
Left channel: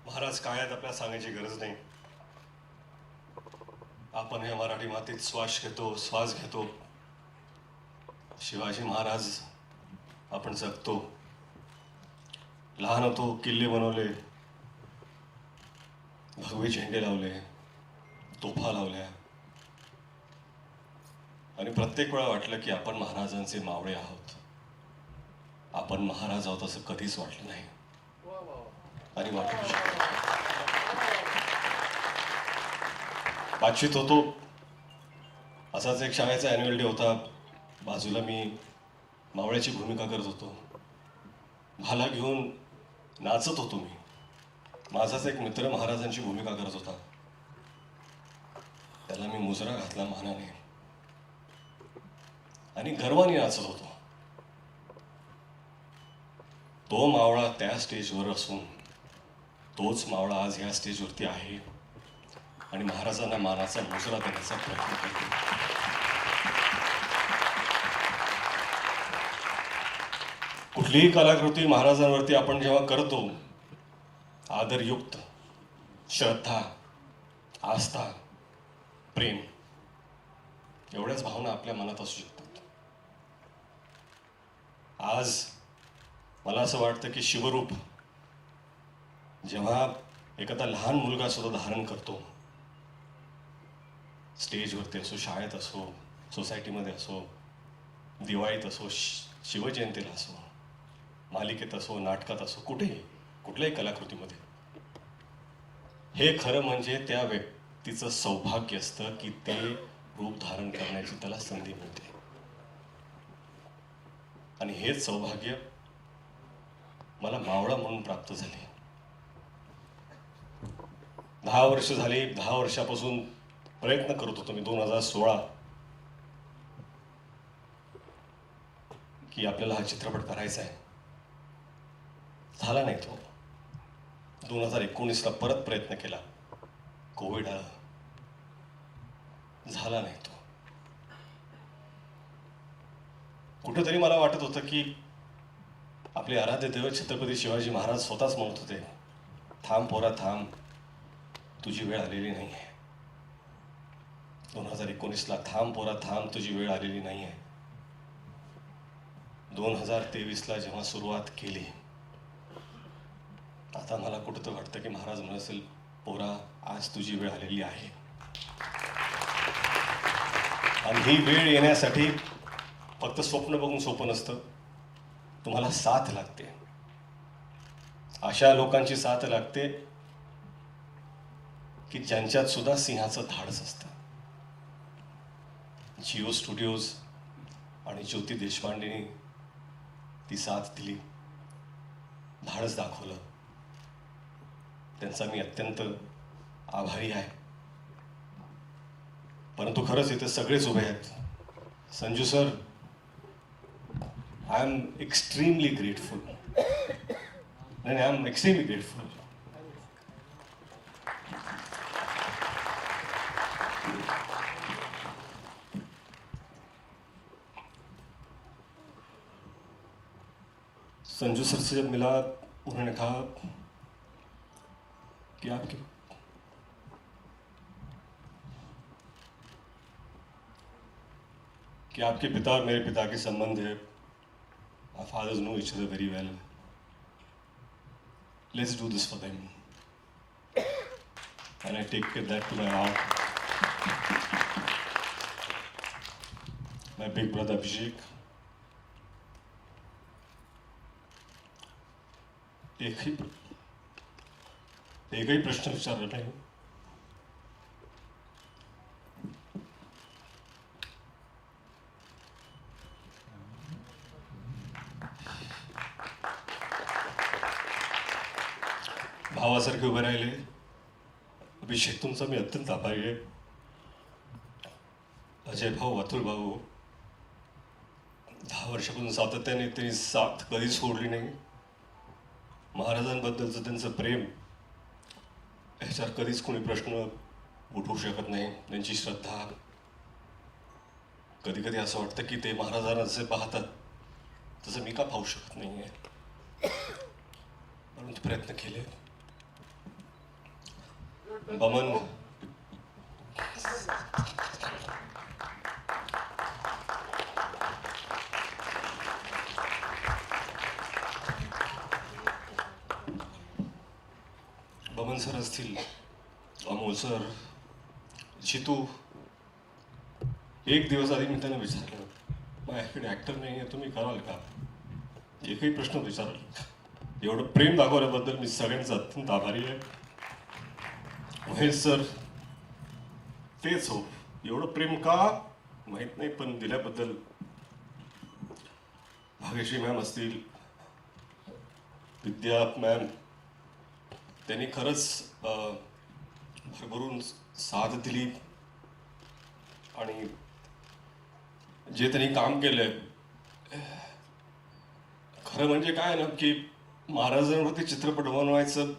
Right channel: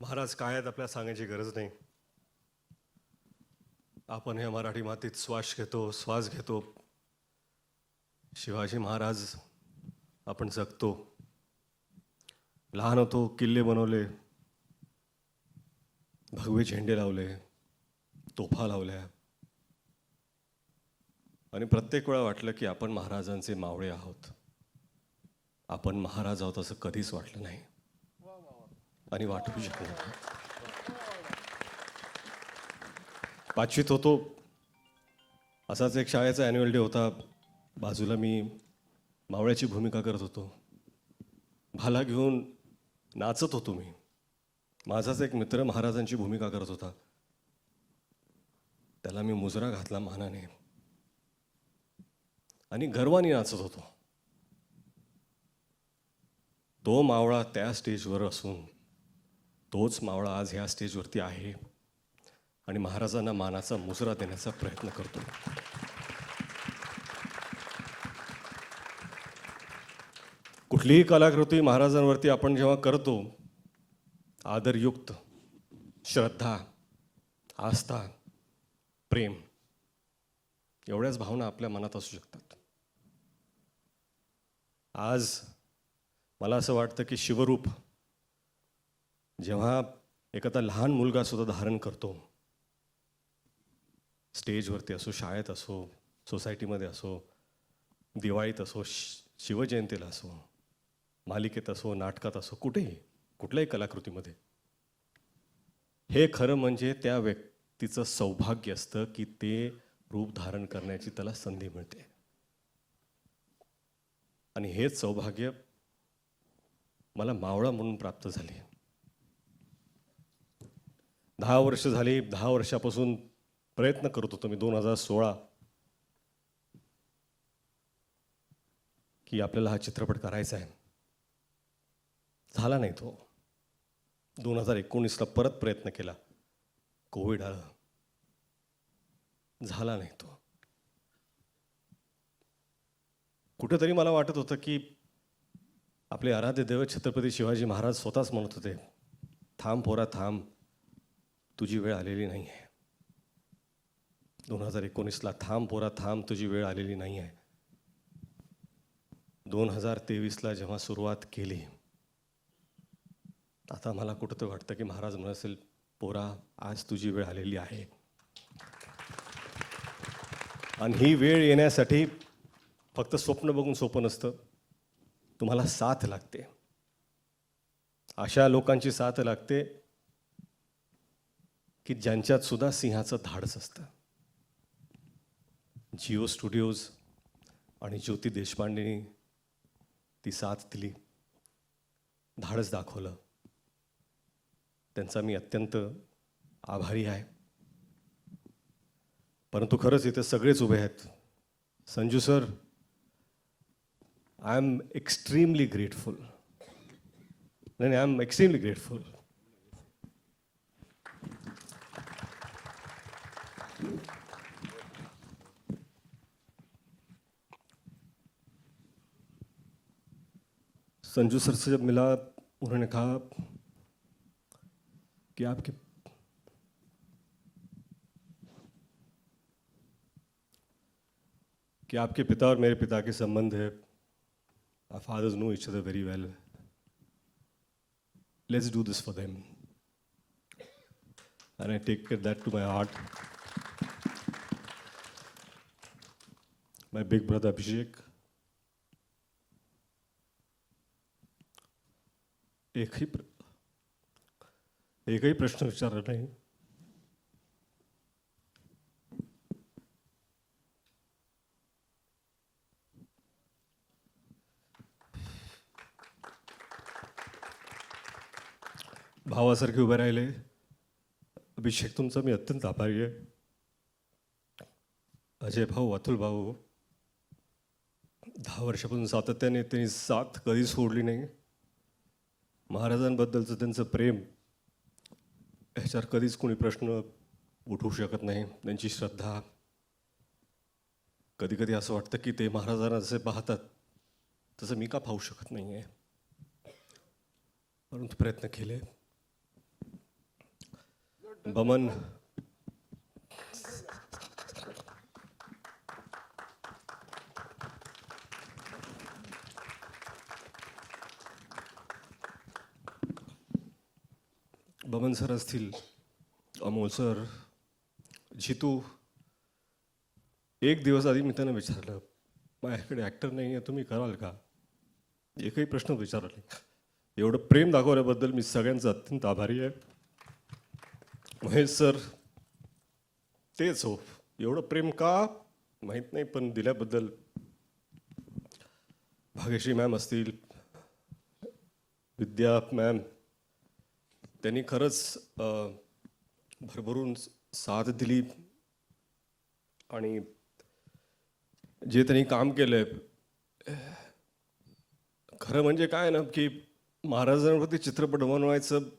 महाराज काय आहेत आपल्याला सांगायची गरज नाही. आपण या मराठी मातीत श्वास घेतो, श्वास घेतो. शिवाजी महाराज आपण जगतो. लहान होतो, किल्ले बनवले, भगवे झेंडे लावले, तोफा लावल्या आणि प्रत्येक वेळा वाटलं की आपण महाराजांचे मावळे आहोत. आपण महाराज आहोत असं कधीच वाटलं नाही आणि वाटू शकत नाही. पाचवीत होतो, असाच एक शाळेचा ॲन्युअल डे होता. बाजूला मी मावळ्याची भूमिका करत होतो. भाला घेऊन नाचत होतो मी. माझाच एक मित्र महाराजांची भूमिका करत होता. त्याला मी मुजरा घातला मानाने आणि गर्वाने नाचत होतो. तो मावळा त्या स्टेजवर असून तोच मावळा आज या स्टेजवरती आहे आणि महाराजांना मानाचा मुजरा द्यायचा प्रयत्न करतो. कुठलीही कलाकृती महाराजांवरती आपण जेव्हा करतो, आदरयुक्त, श्रद्धा, आस्था, प्रेम एवढ्याच भावना आपल्या मनात असू शकतात. आज मला असं वाटतं की शिवरूप जेव्हा एखादा लहान मुलगा सुद्धा धारण करतो, स्टेजवरती असो, शाळेत असो, सोसायटीमध्ये असो, दिवाळीत असो, शिवजयंतीला असो, मालिकेत असो, नाटकात असो, कुठेही कुठल्याही कलाकृतीमध्ये, हे खरं म्हणजे त्या व्यक्तीचं सौभाग्य असतं की ते रूप धारण करण्याची त्याला संधी मिळते. आणि हेच सौभाग्य मला मावळा म्हणून प्राप्त झाले. 10 वर्ष झाली. 10 वर्षापासून प्रयत्न करत होतो मी 2016 की आपल्याला हा चित्रपट करायचा आहे. झाला नाही तो. 2019ला परत प्रयत्न केला, कोविड आला, झाला नाही तो. कुठेतरी मला वाटत होतं की आपले आराध्य दैवत छत्रपती शिवाजी महाराज स्वतःच म्हणत होते, थांब पोरा थांब, तुझी वेळ आलेली नाही आहे. 2019ला थांब पोरा थांब, तुझी वेळ आलेली नाही आहे. 2023ला जेव्हा सुरुवात केली, आता मला कुठं वाटतं की महाराज नसेल, पोरा आज तुझी वेळ आलेली आहे. आणि ही वेळ येण्यासाठी फक्त स्वप्न बघून सोपं नसतं, तुम्हाला साथ लागते. अशा लोकांची साथ लागते की ज्यांच्यात सुद्धा सिंहाचं धाडस असतं. जिओ स्टुडिओज आणि ज्योती देशपांडेंनी ती साथ दिली, धाडस दाखवलं. त्यांचा मी अत्यंत आभारी आहे. परंतु खरंच इथे सगळेच उभे आहेत. Sanju sir, I am extremely grateful. नाही, I am extremely grateful. Sanju sir से मिला, उन्होंने कहा कि आपके पिता और मेरे पिता के संबंध है. Our fathers know each other very well. Let's do this for them. And I take that to my heart. My big brother Abhishek. एकही प्रश्न विचारत नाही. भावासारखे उभे राहिले. अभिषेक, तुमचा मी अत्यंत आभारी आहे. अजय भाऊ, अतुल भाऊ, 10 वर्षापासून सातत्याने त्यांनी साथ कधी सोडली नाही. महाराजांबद्दलचं त्यांचं प्रेम ह्याच्यात कधीच कोणी प्रश्न उठवू शकत नाही. त्यांची श्रद्धा, कधी कधी असं वाटतं की ते महाराजांना जसे पाहतात तसं मी का पाहू शकत नाही आहे. प्रयत्न केले. बमन, बमन सर असतील, अमोल सर, जितू. एक दिवस आधी मी त्यांना विचारलं, माझ्याकडे ॲक्टर नाही आहे, तुम्ही कराल का? एकही प्रश्न विचारला. एवढं प्रेम दाखवल्याबद्दल मी सगळ्यांचा अत्यंत आभारी आहे. महेश सर, तेच हो, एवढं प्रेम का माहीत नाही, पण दिल्याबद्दल. भाग्यश्री मॅम असतील, विद्या मॅम, त्यांनी खरंच भरभरून साथ दिली. आणि जे त्यांनी काम केलंय, खरं म्हणजे काय ना की महाराजांवरती चित्रपट बनवायचं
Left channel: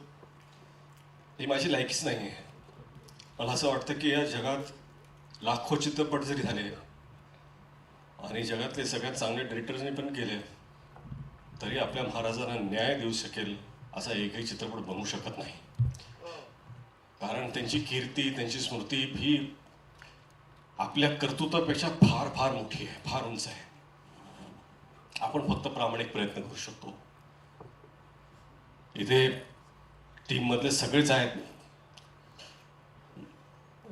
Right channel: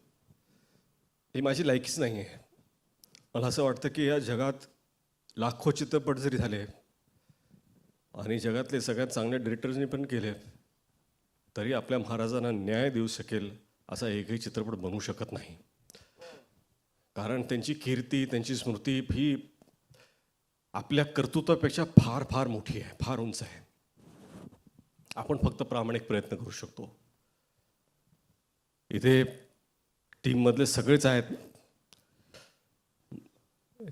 ही माझी लायकीच नाही आहे. मला असं वाटतं की या जगात लाखो चित्रपट जरी झाले आणि जगातले सगळ्यात चांगले डिरेक्टर्सने पण केले, तरी आपल्या महाराजांना न्याय देऊ शकेल असा एकही चित्रपट बनवू शकत नाही. कारण त्यांची कीर्ती, त्यांची स्मृती ही आपल्या कर्तृत्वापेक्षा फार फार मोठी आहे, फार उंच आहे. आपण फक्त प्रामाणिक प्रयत्न करू शकतो. इथे टीममधले सगळेच आहेत.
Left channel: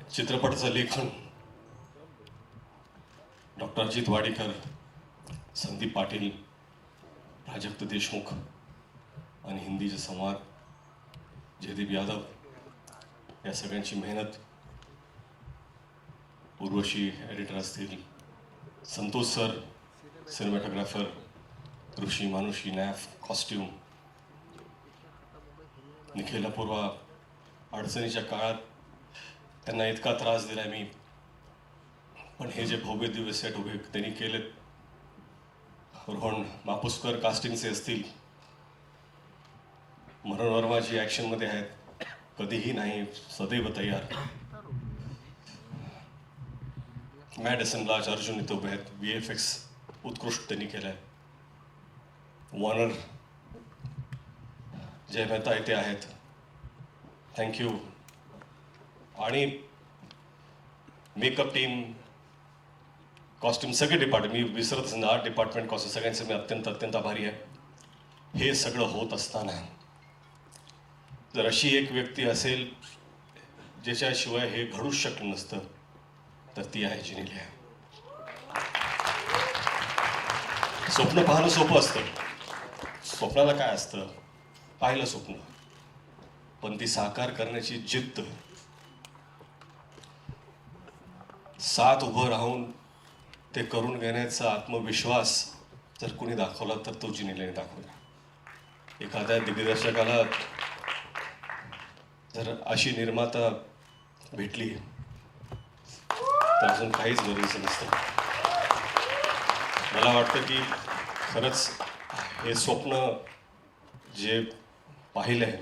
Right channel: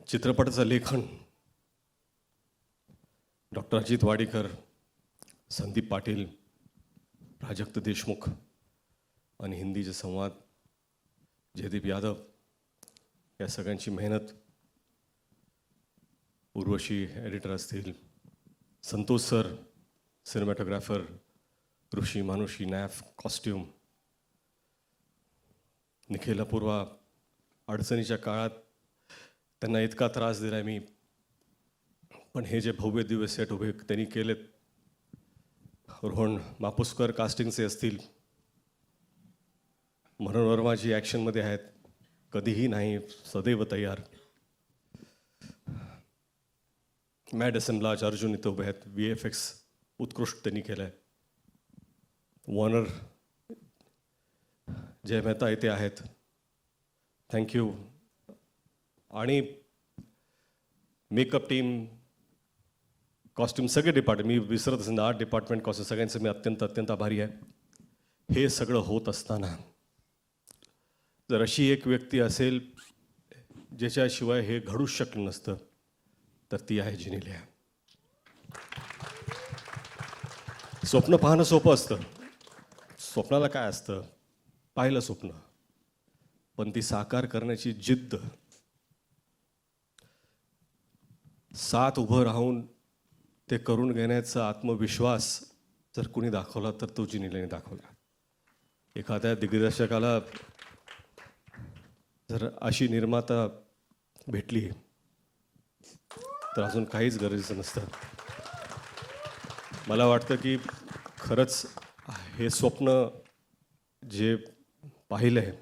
चित्रपटाचं लेखन डॉक्टर अजित वाडेकर, संदीप पाटील, प्राजक्त देशमुख आणि हिंदीचे संवाद जयदीप यादव, या सगळ्यांची मेहनत. उर्वशी एडिटर असतील, संतोष सर सिनेमॅटोग्राफर, कृषी मानुषी नॅफ कॉस्ट्यूम, निखिल अपूर्वा. अडचणीच्या काळात त्यांना इतका त्रास दिला मी, पण हे जे भव्य दिवस सेट उभे त्यांनी केले. रोहन मापुसकर कास्टिंगचे असतील, मनोरमाजी ॲक्शनमध्ये आहेत, कधीही नाही, सदैव तयार. मॅडिसन राज अर्जुन इथे उभे आहेत, VFX उत्कृष्ट त्यांनी केलं आहे. वॉनर जय मेहता इथे आहेत, थँक्यू. आणि मेकअप टीम, कॉस्ट्युम, सगळे डिपार्टमेंट, मी विसरत नाही, आर्ट डिपार्टमेंट, कॉस्ट्युम, सगळ्यांचे मी अत्यंत अत्यंत आभारी आहे. हे सगळं होत असताना जर अशी एक व्यक्ती असेल ज्याच्याशिवाय हे घडूच शकलं नसतं, तर ती आहे जिनेलिया. स्वप्न पाहणं सोपं असतं. स्वप्नाला काय असतं, पाहिलं स्वप्न, पण ती साकार करण्याची जिद्द, साथ उभं राहून ते करून घेण्याचा आत्मविश्वास जर कुणी दाखवला तर तो जिनीने दाखवला. एखाद्या दिग्दर्शकाला जर अशी निर्माता भेटली तर अजून काहीच गरज नसतं. मला वाटतं की खरंच हे स्वप्न जे पाहिलं आहे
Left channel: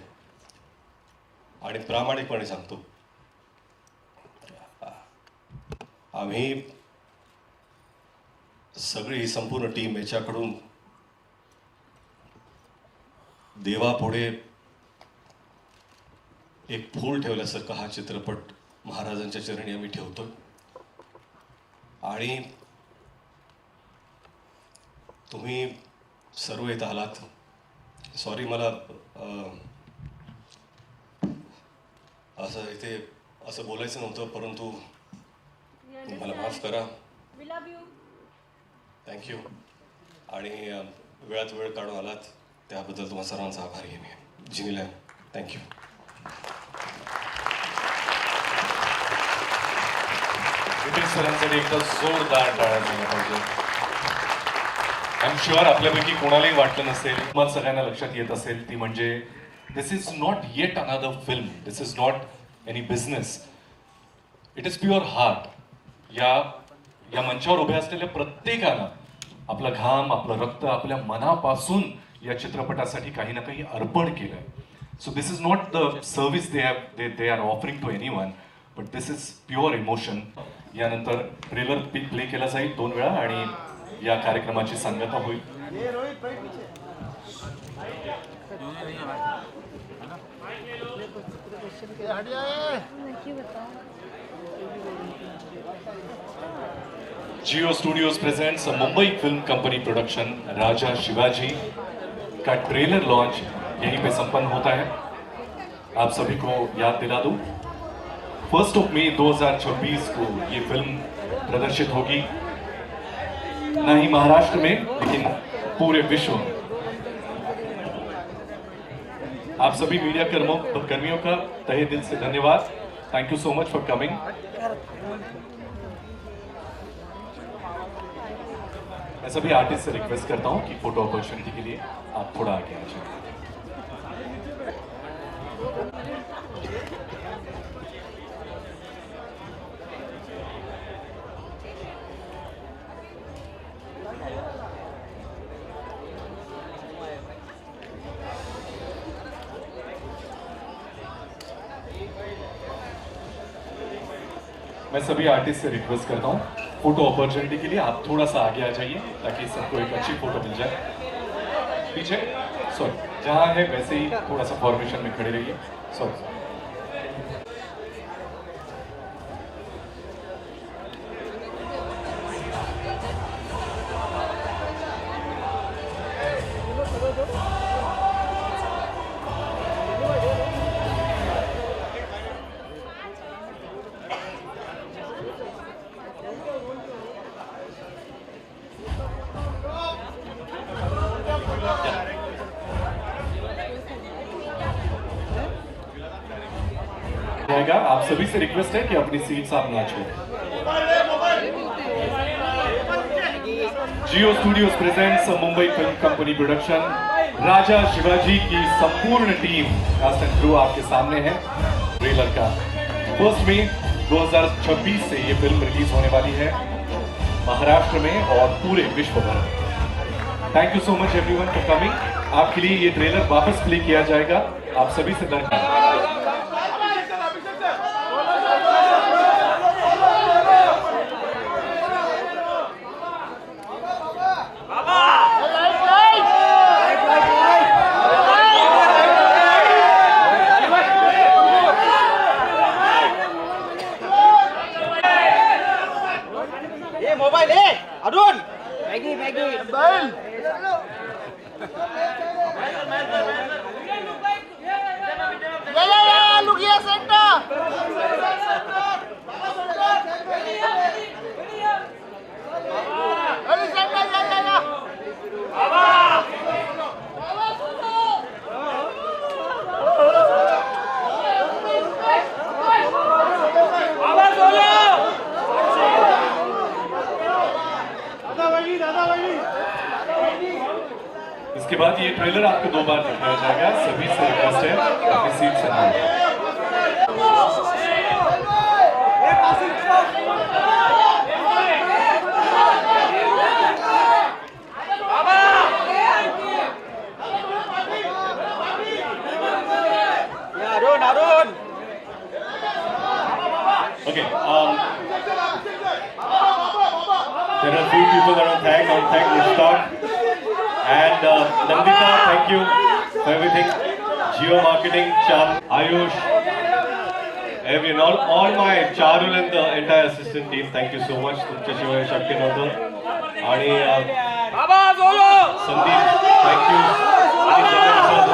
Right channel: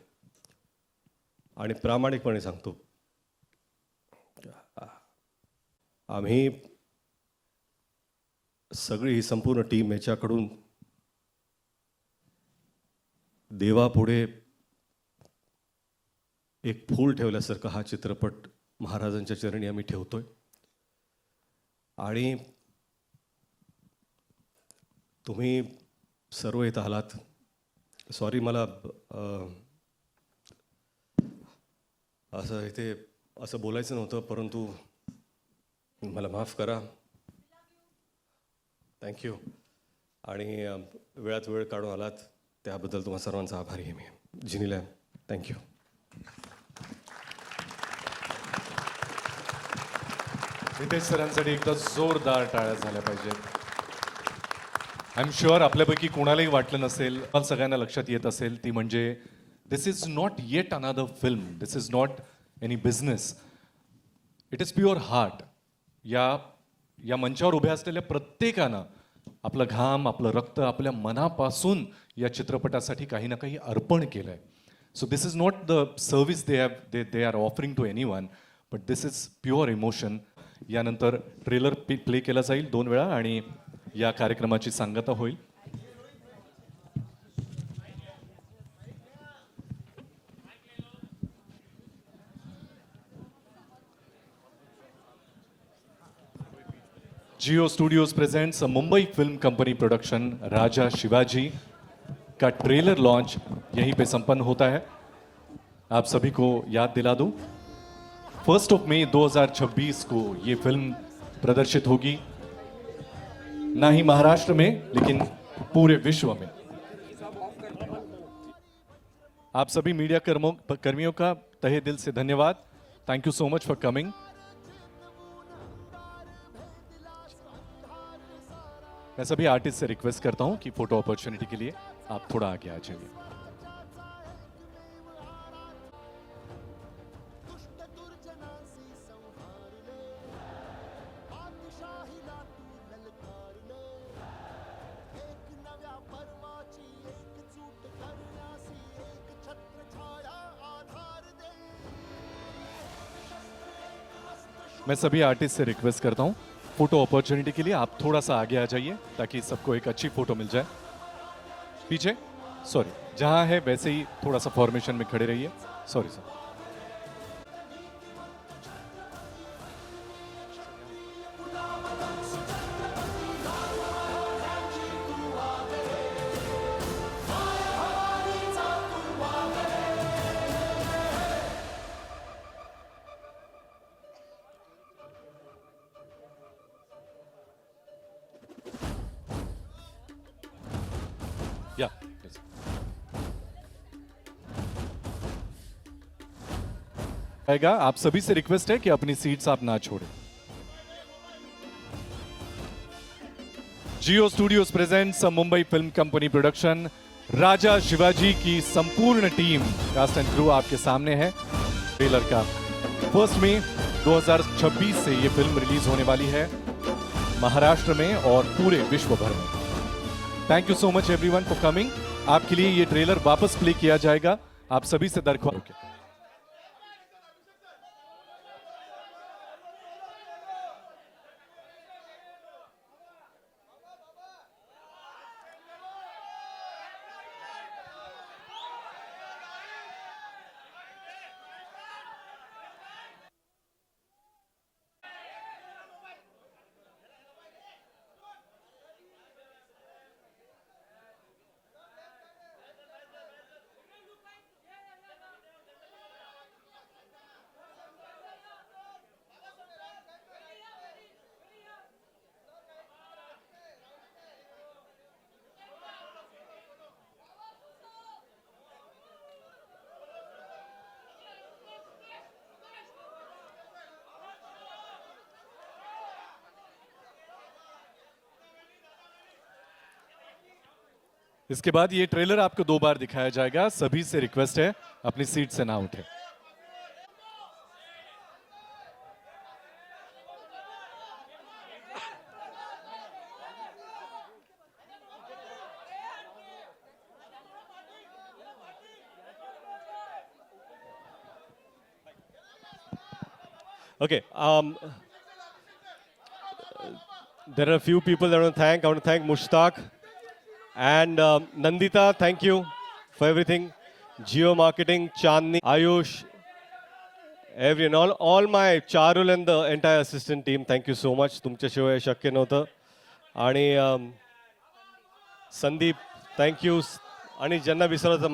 आणि प्रामाणिकपणे सांगतो, आम्ही सगळी संपूर्ण टीम याच्याकडून देवापुढे एक फूल ठेवल्यासारखा हा चित्रपट महाराजांच्या चरणी आम्ही ठेवतो. आणि तुम्ही सर्व येत आहात. सॉरी, मला असं इथे असं बोलायचं नव्हतं, परंतु मला माफ करा. थँक्यू. आणि वेळात वेळ काढून आलात त्याबद्दल तुम्हाला सर्वांचा आभारी आहे. जिनीला थँक्यू. जोरदार आय एम शुअर आपल्यापैकी कोणालाही वाटलं नसेल, सगळ्यांना लक्षात येत असेल, ती म्हणजे this is not yet another film, this is not any business, it is pure heart. या मंचावर उभ्या असलेल्या प्रत्येकानं आपलं घाम, आपलं रक्त, आपल्या मनापासून या चित्रपटासाठी काही ना काही अर्पण केलंय. So this is not the service they are offering to anyone, but this is pure emotion. यानंतर ट्रेलर प्ले केला जाईल 2 वेळा आणि या कार्यक्रमाची सांगता होईल. Jio studios presents Mumbai film company production Raja Shivaji का ट्रेलर लॉन्च यहीं पे संपन्न होता है. आप सभी को याद दिला दूं, 1 मई 2026 को ये फिल्म प्रदर्शित होगी, न ही महाराष्ट्र में लेकिन पूरे विश्व में. आप सभी मीडिया कर्मियों का तहे दिल से धन्यवाद. Thank you so much for coming. मैं सभी आर्टिस्ट से रिक्वेस्ट करता हूं कि फोटो अपॉर्चुनिटी के लिए आप थोड़ा आगे आ जाइए. मैं सभी आर्टिस्ट से रिक्वेस्ट करता हूँ फोटो अपॉर्चुनिटी के लिए आप थोड़ा सा आगे आ जाइए ताकि सबको एक अच्छी फोटो मिल जाए. पीछे सॉरी, जहाँ है वैसे ही थोड़ा सा फॉर्मेशन में खड़े रहिए. सॉरी. आप सभी से रिक्वेस्ट है कि अपनी सीट्स आप ना छोड़ें. Jio studios presents Mumbai film company production Raja Shivaji की संपूर्ण टीम कास्ट एंड क्रू आपके सामने है. ट्रेलर का 1 मई 2026 से ये फिल्म रिलीज होने वाली है महाराष्ट्र में और पूरे विश्व में. Thank you so much everyone for coming. आपके लिए ये ट्रेलर वापस प्ले किया जाएगा. आप सभी से धन्यवाद. बाद ये ट्रेलर आपको 2 बार दिखाया जाएगा। सभी से रिक्वेस्ट है अपनी सीट से आए। Okay. There are a few people I want to thank. I want to thank Mushtaq and Nandita. Thank you for everything. Geo Marketing, Chandni, Ayush, everyone, all my Charul and the entire assistant team. Thank you so much. तुमच्याशिवाय शक्य नव्हतं. आणि Sandeep, thank you. आणि ज्यांना विसरलं